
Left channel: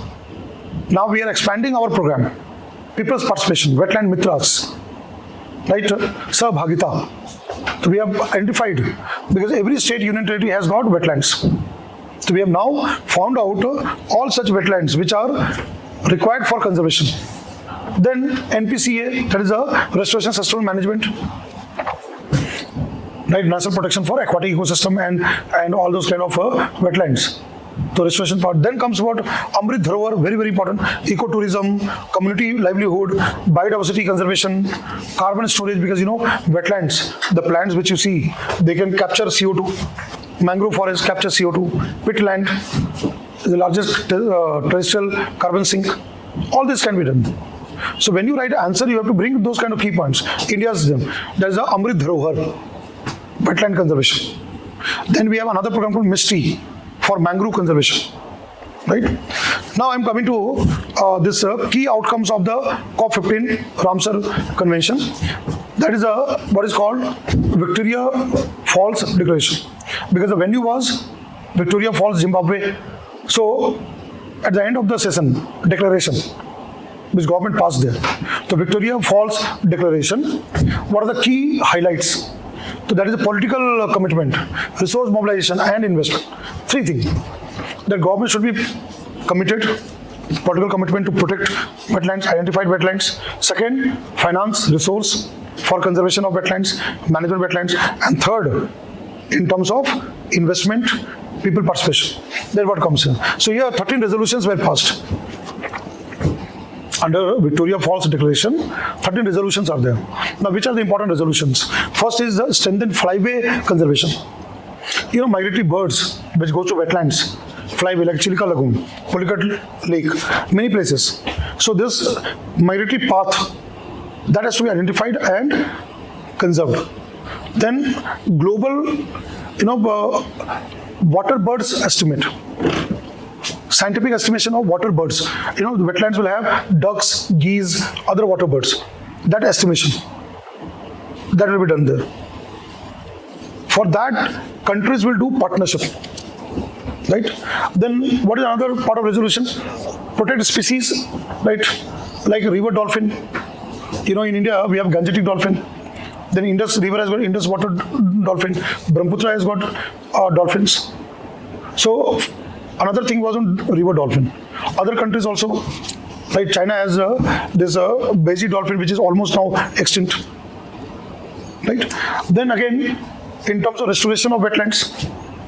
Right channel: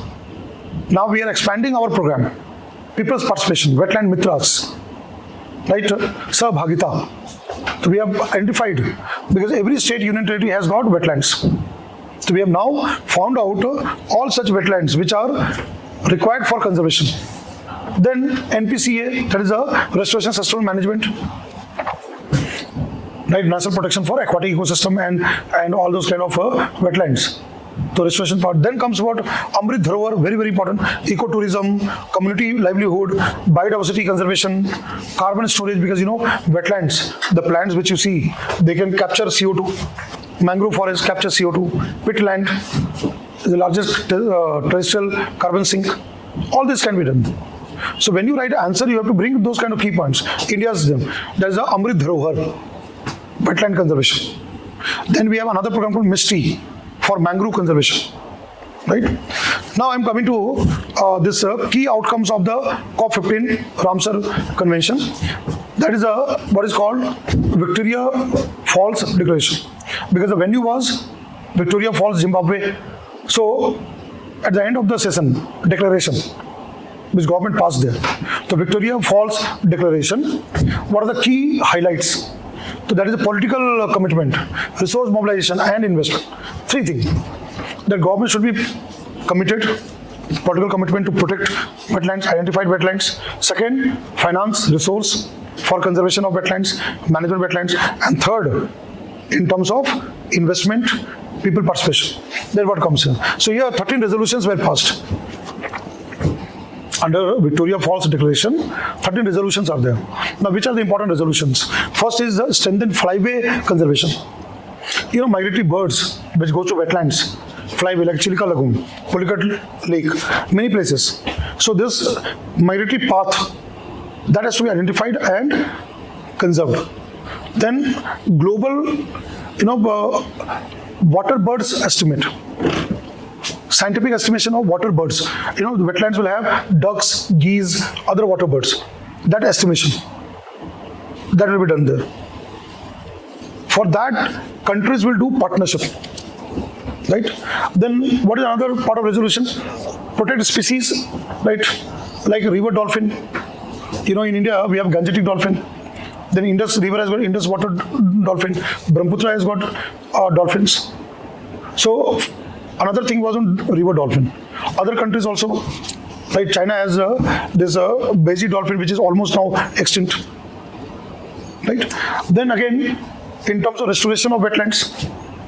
Now we are expanding our program, people's participation, Wetland Mitras, right, Sahbhagita. So we have identified, because every state union territory has got wetlands. So we have now found out all such wetlands which are required for conservation. Then NPCA, that is a Restoration Sustainable Management. Right, national protection for aquatic ecosystem and all those kind of wetlands. The restoration part. Then comes what? Amrit Dharohar, very, very important. Ecotourism, community livelihood, biodiversity conservation, carbon storage, because wetlands, the plants which you see, they can capture CO2. Mangrove forest capture CO2. Peatland, the largest terrestrial carbon sink. All this can be done. So when you write answer, you have to bring those kind of key points. India's them. There's a Amrit Dharohar, wetland conservation. Then we have another program called MISTRI for mangrove conservation. Right? Now I'm coming to this key outcomes of the COP15 Ramsar Convention. That is what is called Victoria Falls Declaration. Because the venue was Victoria Falls, Zimbabwe. So at the end of the session, declaration, which government passed there, the Victoria Falls Declaration, what are the key highlights? So that is a political commitment, resource mobilization and investment. 3 things. The government should be committed, political commitment to protect wetlands, identified wetlands. Second, finance, resource for conservation of wetlands, management wetlands. And third, in terms of investment, people participation. Then what comes here? So here 13 resolutions were passed. Under Victoria Falls Declaration, 13 resolutions are there. Now, which are the important resolutions? First is the strengthened flyway conservation. Migratory birds which go to wetlands, flyway like Chilika Lagoon, Pulikat Lake, many places. So this migratory path, that has to be identified and conserved. Then global, water birds estimate. Scientific estimation of water birds. The wetlands will have ducks, geese, other water birds. That estimation, that will be done there. For that, countries will do partnership. Right? Then what is another part of resolution? Protect species, right? Like river dolphin. In India, we have Gangetic dolphin. Then Indus River has got Indus water dolphin. Brahmaputra has got dolphins. So another thing was on river dolphin. Other countries also, like China has this Beiji dolphin, which is almost now extinct. Right? Then again, in terms of restoration of wetlands,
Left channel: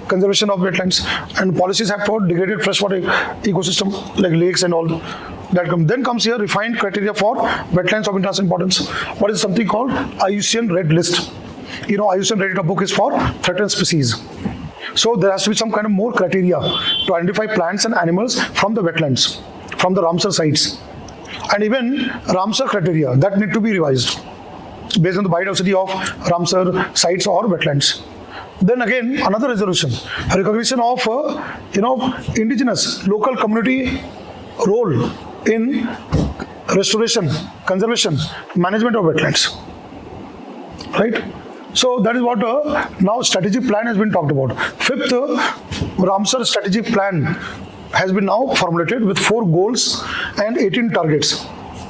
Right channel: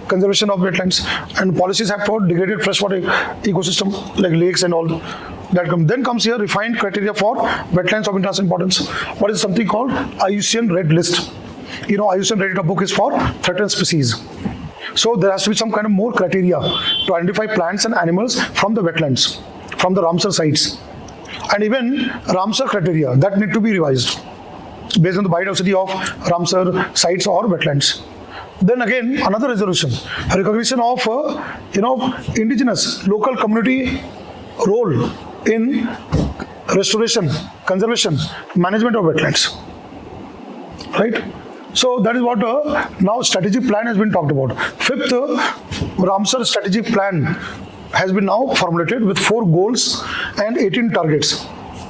conservation of wetlands, and policies have for degraded freshwater ecosystem like lakes and all that come. Then comes here refined criteria for wetlands of international importance. What is something called IUCN Red List? IUCN Red book is for threatened species. So there has to be some kind of more criteria to identify plants and animals from the wetlands, from the Ramsar sites. And even Ramsar criteria that need to be revised based on the biodiversity of Ramsar sites or wetlands. Then again, another resolution, recognition of indigenous local community role in restoration, conservation, management of wetlands. Right? So that is what now strategic plan has been talked about. Fifth, Ramsar strategic plan has been now formulated with 4 goals and 18 targets,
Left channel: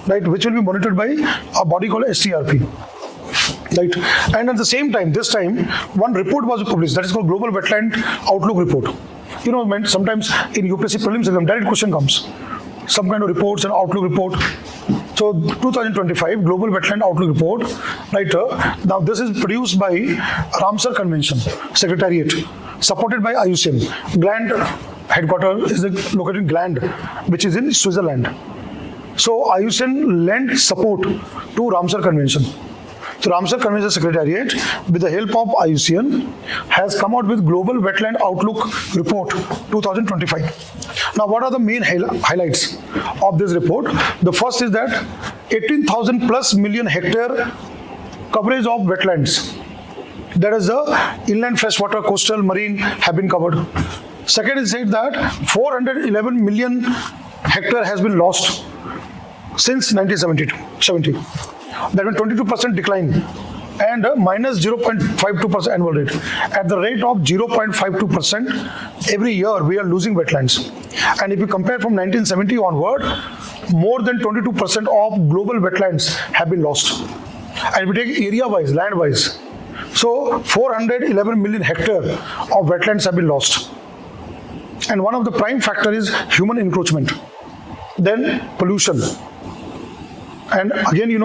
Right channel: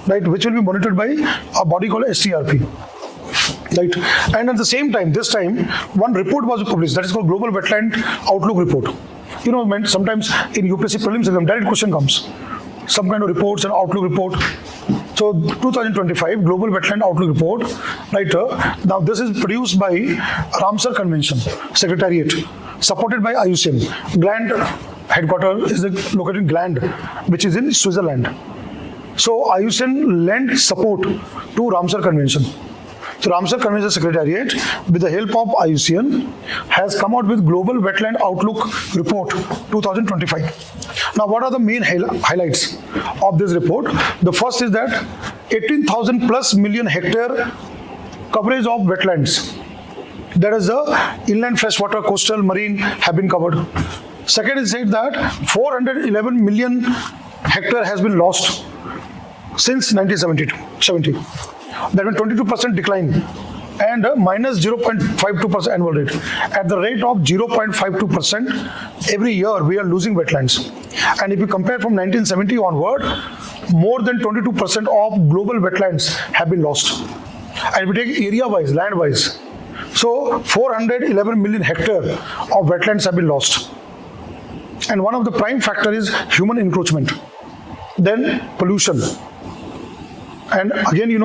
right, which will be monitored by a body called STRP. Right, and at the same time, this time, one report was published that is called Global Wetland Outlook Report. Sometimes in UPSC prelims exam, direct question comes, some kind of reports and outlook report. So 2025 Global Wetland Outlook Report. Right, now this is produced by Ramsar Convention Secretariat, supported by IUCN. Gland headquarters is located in Gland, which is in Switzerland. So IUCN lent support to Ramsar Convention. So Ramsar Convention Secretariat, with the help of IUCN, has come out with Global Wetland Outlook Report 2025. Now, what are the main highlights of this report? The first is that 18,000 plus million hectare coverage of wetlands. That is the inland freshwater, coastal, marine have been covered. Second is said that 411 million hectare has been lost since 1970. That means 22% decline and minus 0.52% annual rate. At the rate of 0.52% every year, we are losing wetlands. And if you compare from 1970 onward, more than 22% of global wetlands have been lost. And if we take area-wise, land-wise, so 411 million hectare of wetlands have been lost. And one of the prime factor is human encroachment. Then pollution. And again,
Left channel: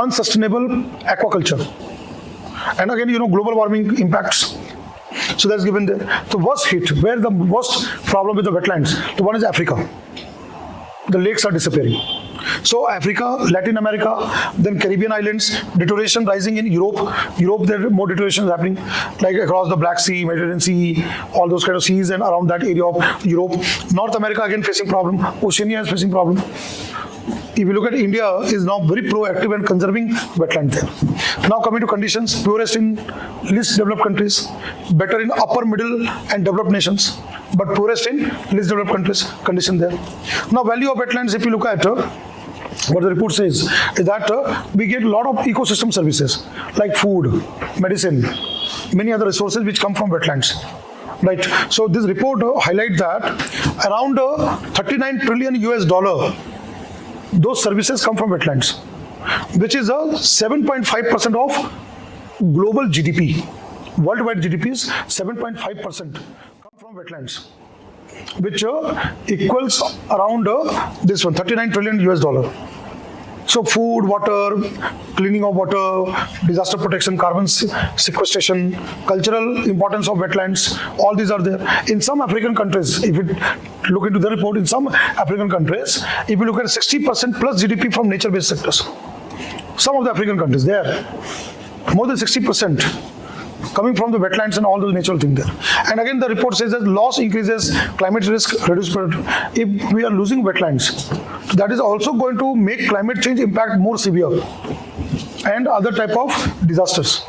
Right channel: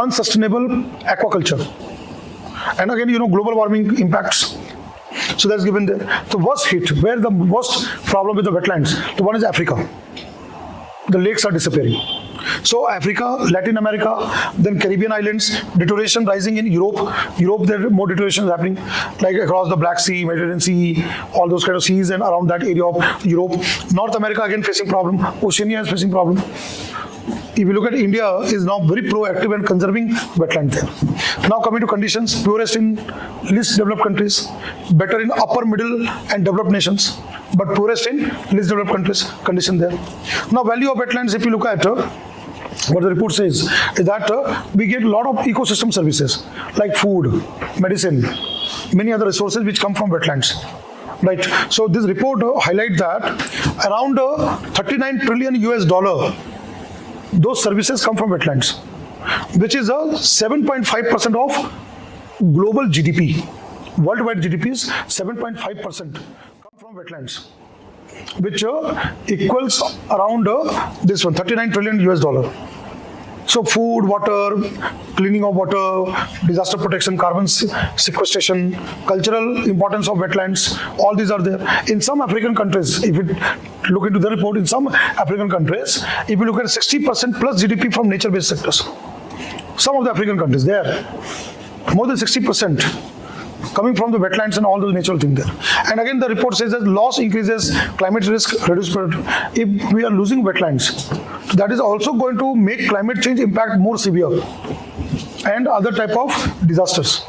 unsustainable aquaculture. And again, global warming impacts. So that's given the worst hit, where the worst problem with the wetlands. The one is Africa. The lakes are disappearing. So Africa, Latin America, then Caribbean islands, deterioration rising in Europe. There are more deterioration happening, like across the Black Sea, Mediterranean Sea, all those kind of seas and around that area of Europe. North America again facing problem. Oceania is facing problem. If you look at India, is now very proactive and conserving wetland there. Now coming to conditions, poorest in least developed countries, better in upper, middle and developed nations, but poorest in least developed countries, condition there. Now value of wetlands, if you look at what the report says, is that we get a lot of ecosystem services like food, medicine, many other resources which come from wetlands. Right. So this report highlights that around 39 trillion US dollar, those services come from wetlands, which is 7.5% of global GDP. Worldwide GDP is 7.5% come from wetlands, which equals around this one, 39 trillion US dollar. So food, water, cleaning of water, disaster protection, carbon sequestration, cultural importance of wetlands, all these are there. In some African countries, if you look into the report, in some African countries, if you look at 60% plus GDP from nature-based sectors, some of the African countries, there, more than 60% coming from the wetlands and all those natural things there. And again, the report says that loss increases, climate risk reduces. If we are losing wetlands, that is also going to make climate change impact more severe and other type of disasters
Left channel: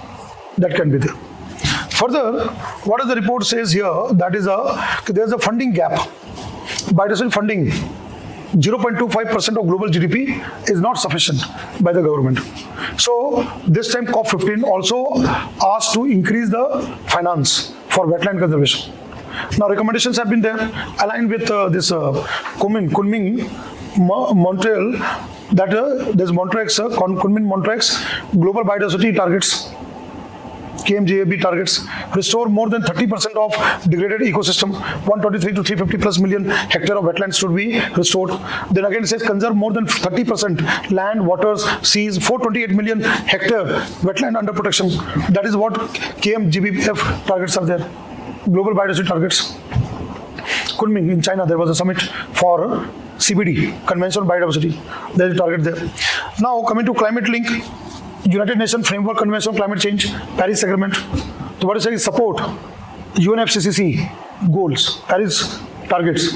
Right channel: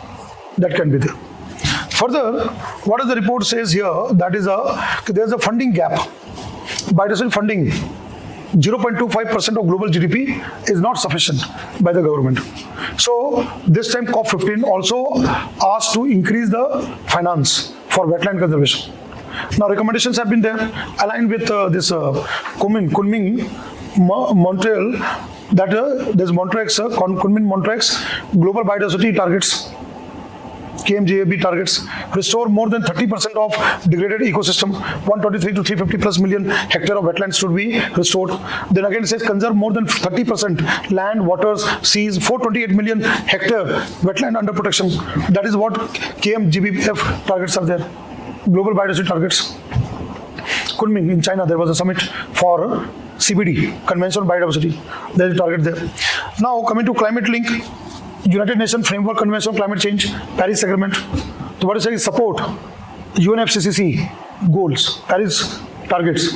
that can be there. Further, what the report says here, that is there is a funding gap. Biodiversity funding, 0.25% of global GDP is not sufficient by the government. So this time COP15 also asked to increase the finance for wetland conservation. Now recommendations have been there aligned with this Kunming, Montreal, that there's Kunming, Montreal's global biodiversity targets, KMJAB targets, restore more than 30% of degraded ecosystem, 123 to 350 plus million hectare of wetlands should be restored. Then again it says conserve more than 30% land, waters, seas, 428 million hectare wetland under protection. That is what KMGBF targets are there, global biodiversity targets. Kunming in China, there was a summit for CBD, Convention on Biodiversity. There is a target there. Now coming to climate link, United Nations Framework Convention on Climate Change, Paris Agreement. So what is saying? Support UNFCCC goals, Paris targets,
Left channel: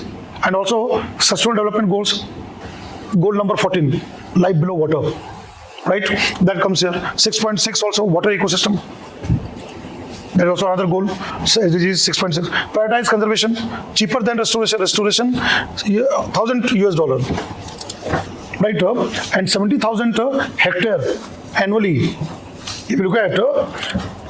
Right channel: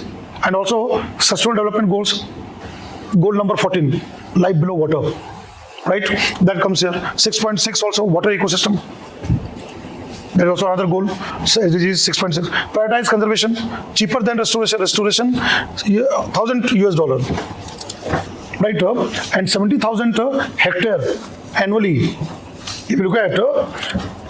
and also Sustainable Development Goals. Goal number 14, life below water. Right? That comes here. 6.6 also water ecosystem. There is also another goal. SDG 6.6. Prioritize conservation, cheaper than restoration. Restoration, $1,000 right? And 70,000 hectare annually. If you look at,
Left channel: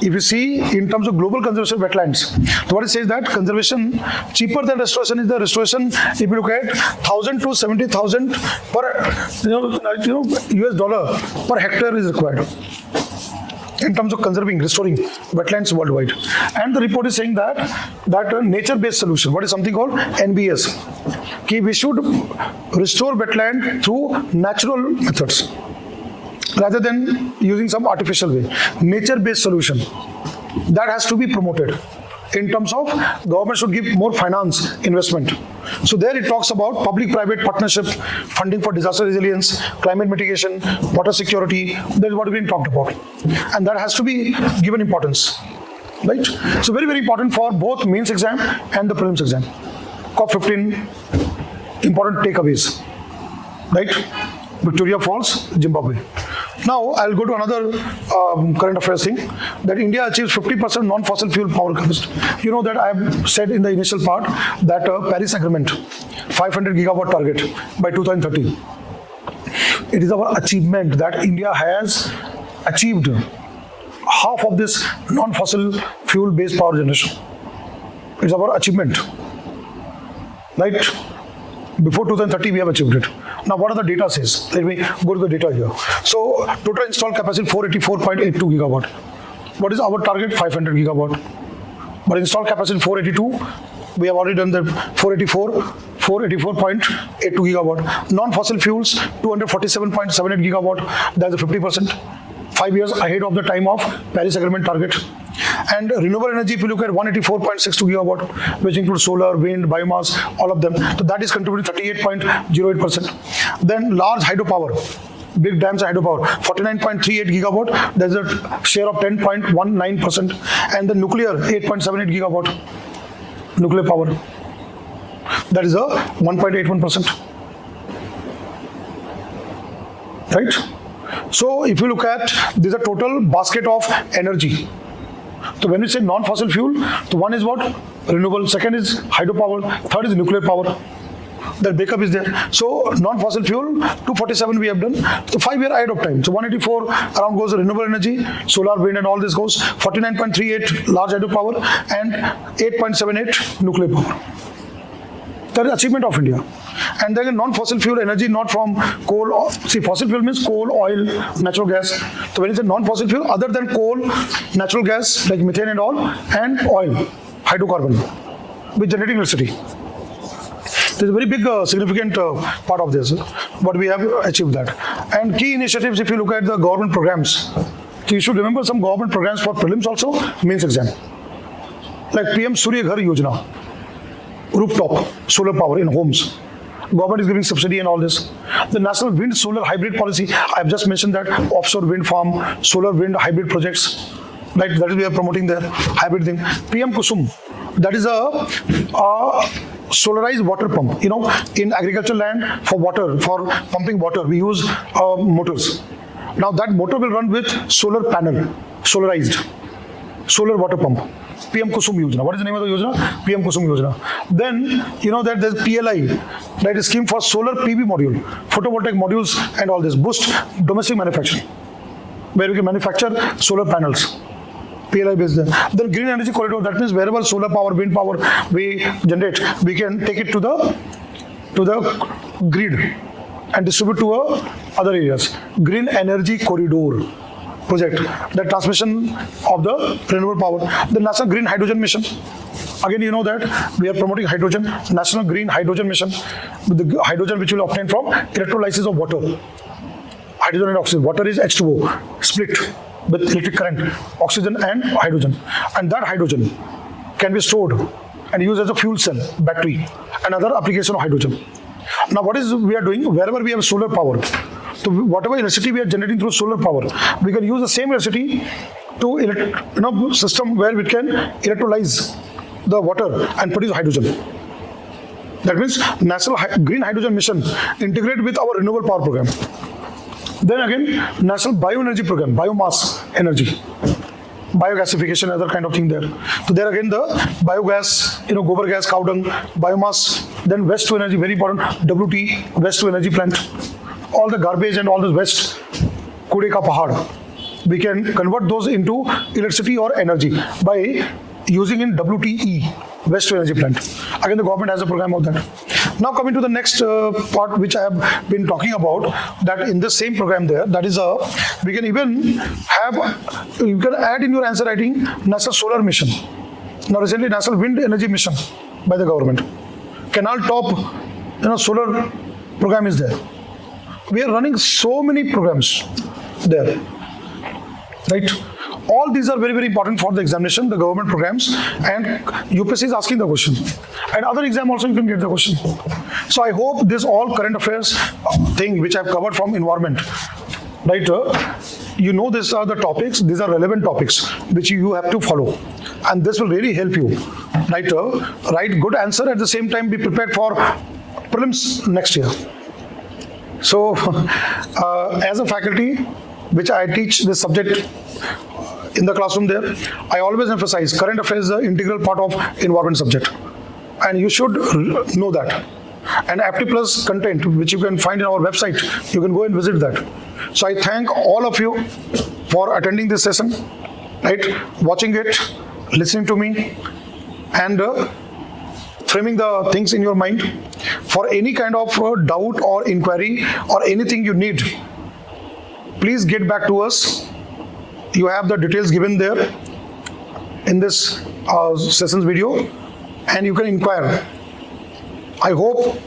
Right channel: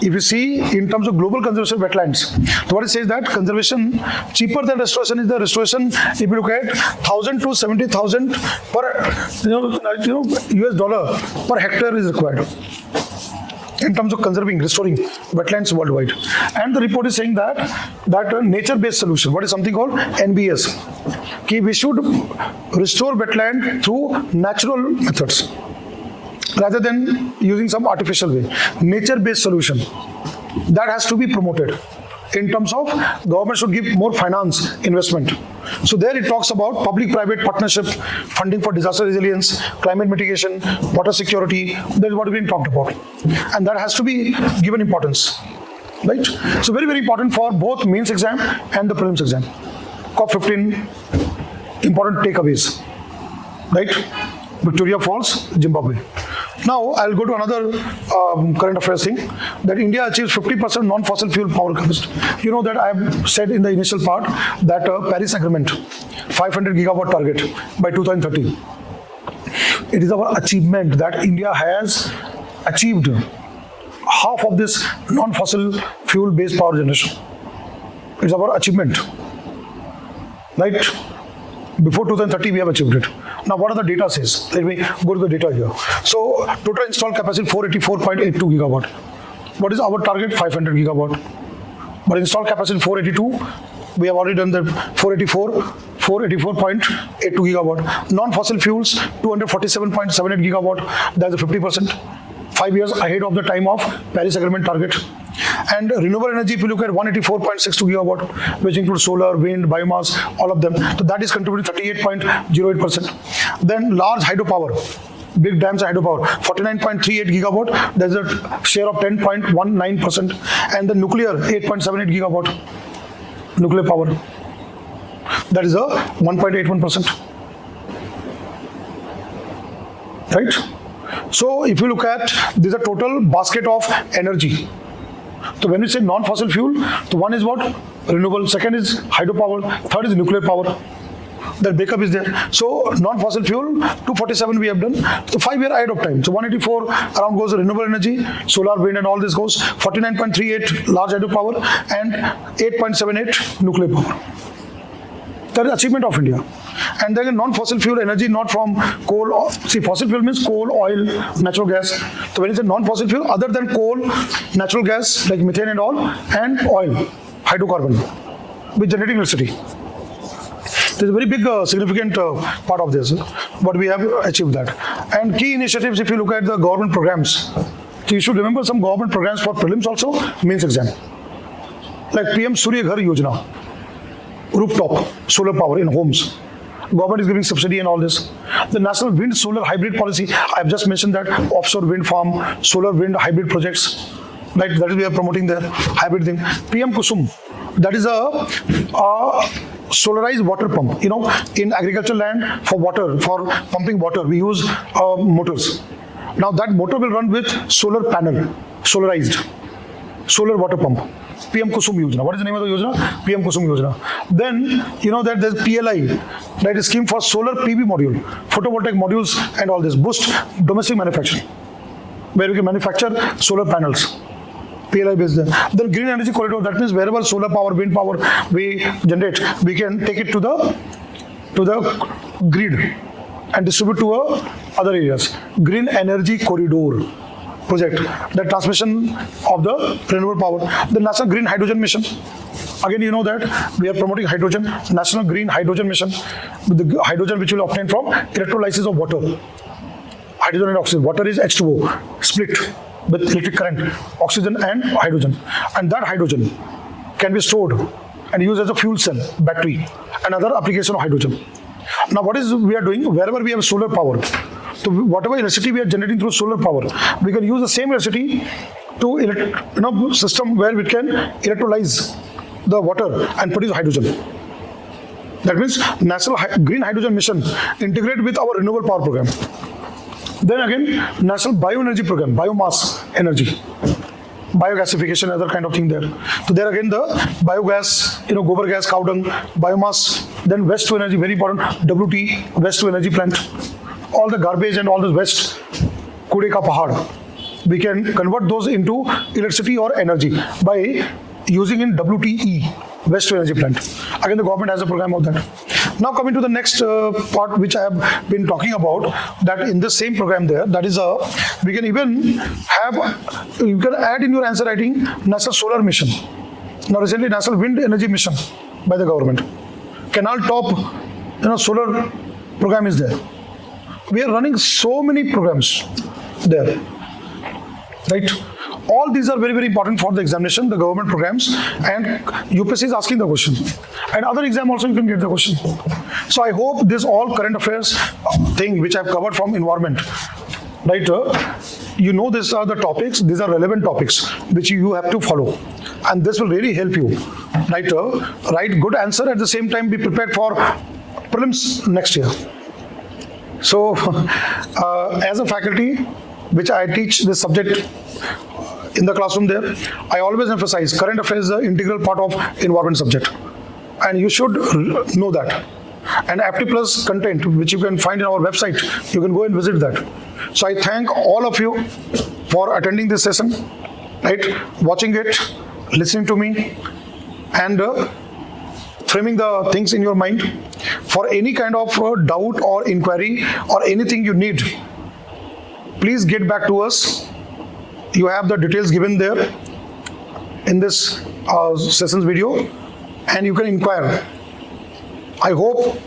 if you see in terms of global conservation of wetlands, so what it says that conservation cheaper than restoration is the restoration. If you look at 1,000 to 70,000 per US dollar per hectare is required in terms of conserving, restoring wetlands worldwide. And the report is saying that nature-based solution, what is something called NBS, we should restore wetland through natural methods rather than using some artificial way. Nature-based solution, that has to be promoted. In terms of government should give more finance investment. So there it talks about public-private partnership, funding for disaster resilience, climate mitigation, water security. That is what is being talked about, and that has to be given importance, right? So very, very important for both mains exam and the prelims exam. COP15 important takeaways, right? Victoria Falls, Zimbabwe. Now I'll go to another current affairs thing, that India achieves 50% non-fossil fuel power capacity. You know that I have said in the initial part that Paris Agreement, 500 gigawatt target by 2030. It is our achievement that India has achieved half of this non-fossil fuel based power generation. It's our achievement, right? Before 2030 we have achieved it. Now what are the data says? Let me go to the data here. So total installed capacity 484.82 gigawatt. What is our target? 500 gigawatt. But installed capacity 482. We have already done the 484.82 gigawatt. Non-fossil fuels 247.78 gigawatt. That's 50%. 5 years ahead of the time of Paris Agreement target. And renewable energy, if you look at 184.62 gigawatt, which includes solar, wind, biomass, all of them. So that is contributing 38.08%. Then large hydropower, big dams hydropower, 49.38 gigawatt. There's a share of 10.19%. And the nuclear, 8.78 gigawatt. Nuclear power. That is a 1.81%. Right? So if you look at, this is a total basket of energy. So when you say non-fossil fuel, so one is what? Renewable, second is hydropower, third is nuclear power. The breakup is there. So non-fossil fuel, 247 we have done. So 5 year ahead of time. So 184 around goes renewable energy, solar, wind and all this goes. 49.38 large hydropower and 8.78 nuclear power. That is achievement of India. And then non-fossil fuel energy, not from coal. See, fossil fuel means coal, oil, natural gas. So when you say non-fossil fuel, other than coal, natural gas like methane and all, and oil, hydrocarbon, with generating electricity. There's a very big significant part of this, but we have achieved that. And key initiatives, if you look at the government programs, so you should remember some government programs for prelims also, mains exam. Like PM Surya Ghar Yojana, rooftop, solar power in homes. Government is giving subsidy and all this. The National Wind Solar Hybrid Policy, I have just mentioned that offshore wind farm, solar wind hybrid projects, right? That is we are promoting the hybrid thing. PM Kusum, that is a solarized water pump. You know, in agricultural land for water, for pumping water, we use motors. Now that motor will run with solar panel, solarized, solar water pump. PM Kusum Yojana. What is the name of the Yojana? PM Kusum Yojana. Then, you know that there's PLI, that is scheme for solar PV module, photovoltaic modules and all this. Boost domestic manufacturing, where we can manufacture solar panels. PLI based there. Then green energy corridor, that means wherever solar power, wind power we generate, we can take it to the grid and distribute to other areas. Green energy corridor project, the transmission of the renewable power. The National Green Hydrogen Mission. Again, you know that we are promoting hydrogen, National Green Hydrogen Mission, with the hydrogen which will obtain from electrolysis of water. Hydrogen and oxygen. Water is H2O, split with electric current, oxygen and hydrogen. And that hydrogen can be stored and used as a fuel cell, battery, another application of hydrogen. Now what is we are doing, wherever we have solar power, so whatever electricity we are generating through solar power, we can use the same electricity to system where we can electrolyze the water and produce hydrogen. That means National Green Hydrogen Mission integrate with our renewable power program. Then again, National Bioenergy Program, biomass energy, biogasification, other kind of thing there. So there again the biogas, gobar gas, cow dung, biomass, then waste to energy, very important, WT, waste to energy plant. All the garbage and all this waste, kude ka pahad, we can convert those into electricity or energy by using in WTE, waste to energy plant. Again, the government has a program of that. Now coming to the next part which I have been talking about, that in the same program there, that is we can even have, you can add in your answer writing National Solar Mission. Now recently National Wind Energy Mission by the government. Canal Top, solar program is there. We are running so many programs there, right? All these are very, very important for the examination, the government programs, and UPSC is asking the question. And other exam also you can get the question. So I hope this all current affairs thing which I have covered from environment, right? These are the topics, these are relevant topics which you have to follow. And this will really help you, right? Write good answer, at the same time be prepared for prelims next year. So as a faculty, which I teach this subject in the classroom there, I always emphasize current affairs is an integral part of environment subject. And you should know that. And Apti Plus content, which you can find in our website, you can go and visit that. So I thank all of you for attending this session, right? Watching it, listening to me, and framing the things in your mind. For any kind of doubt or inquiry or anything you need, please get back to us. You have the details given there in this sessions video, and you can inquire. I hope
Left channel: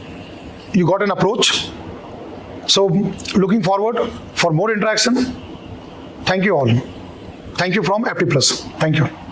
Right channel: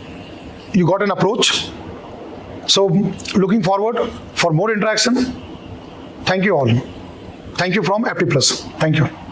you got an approach. So looking forward for more interaction. Thank you all. Thank you from Apti Plus. Thank you.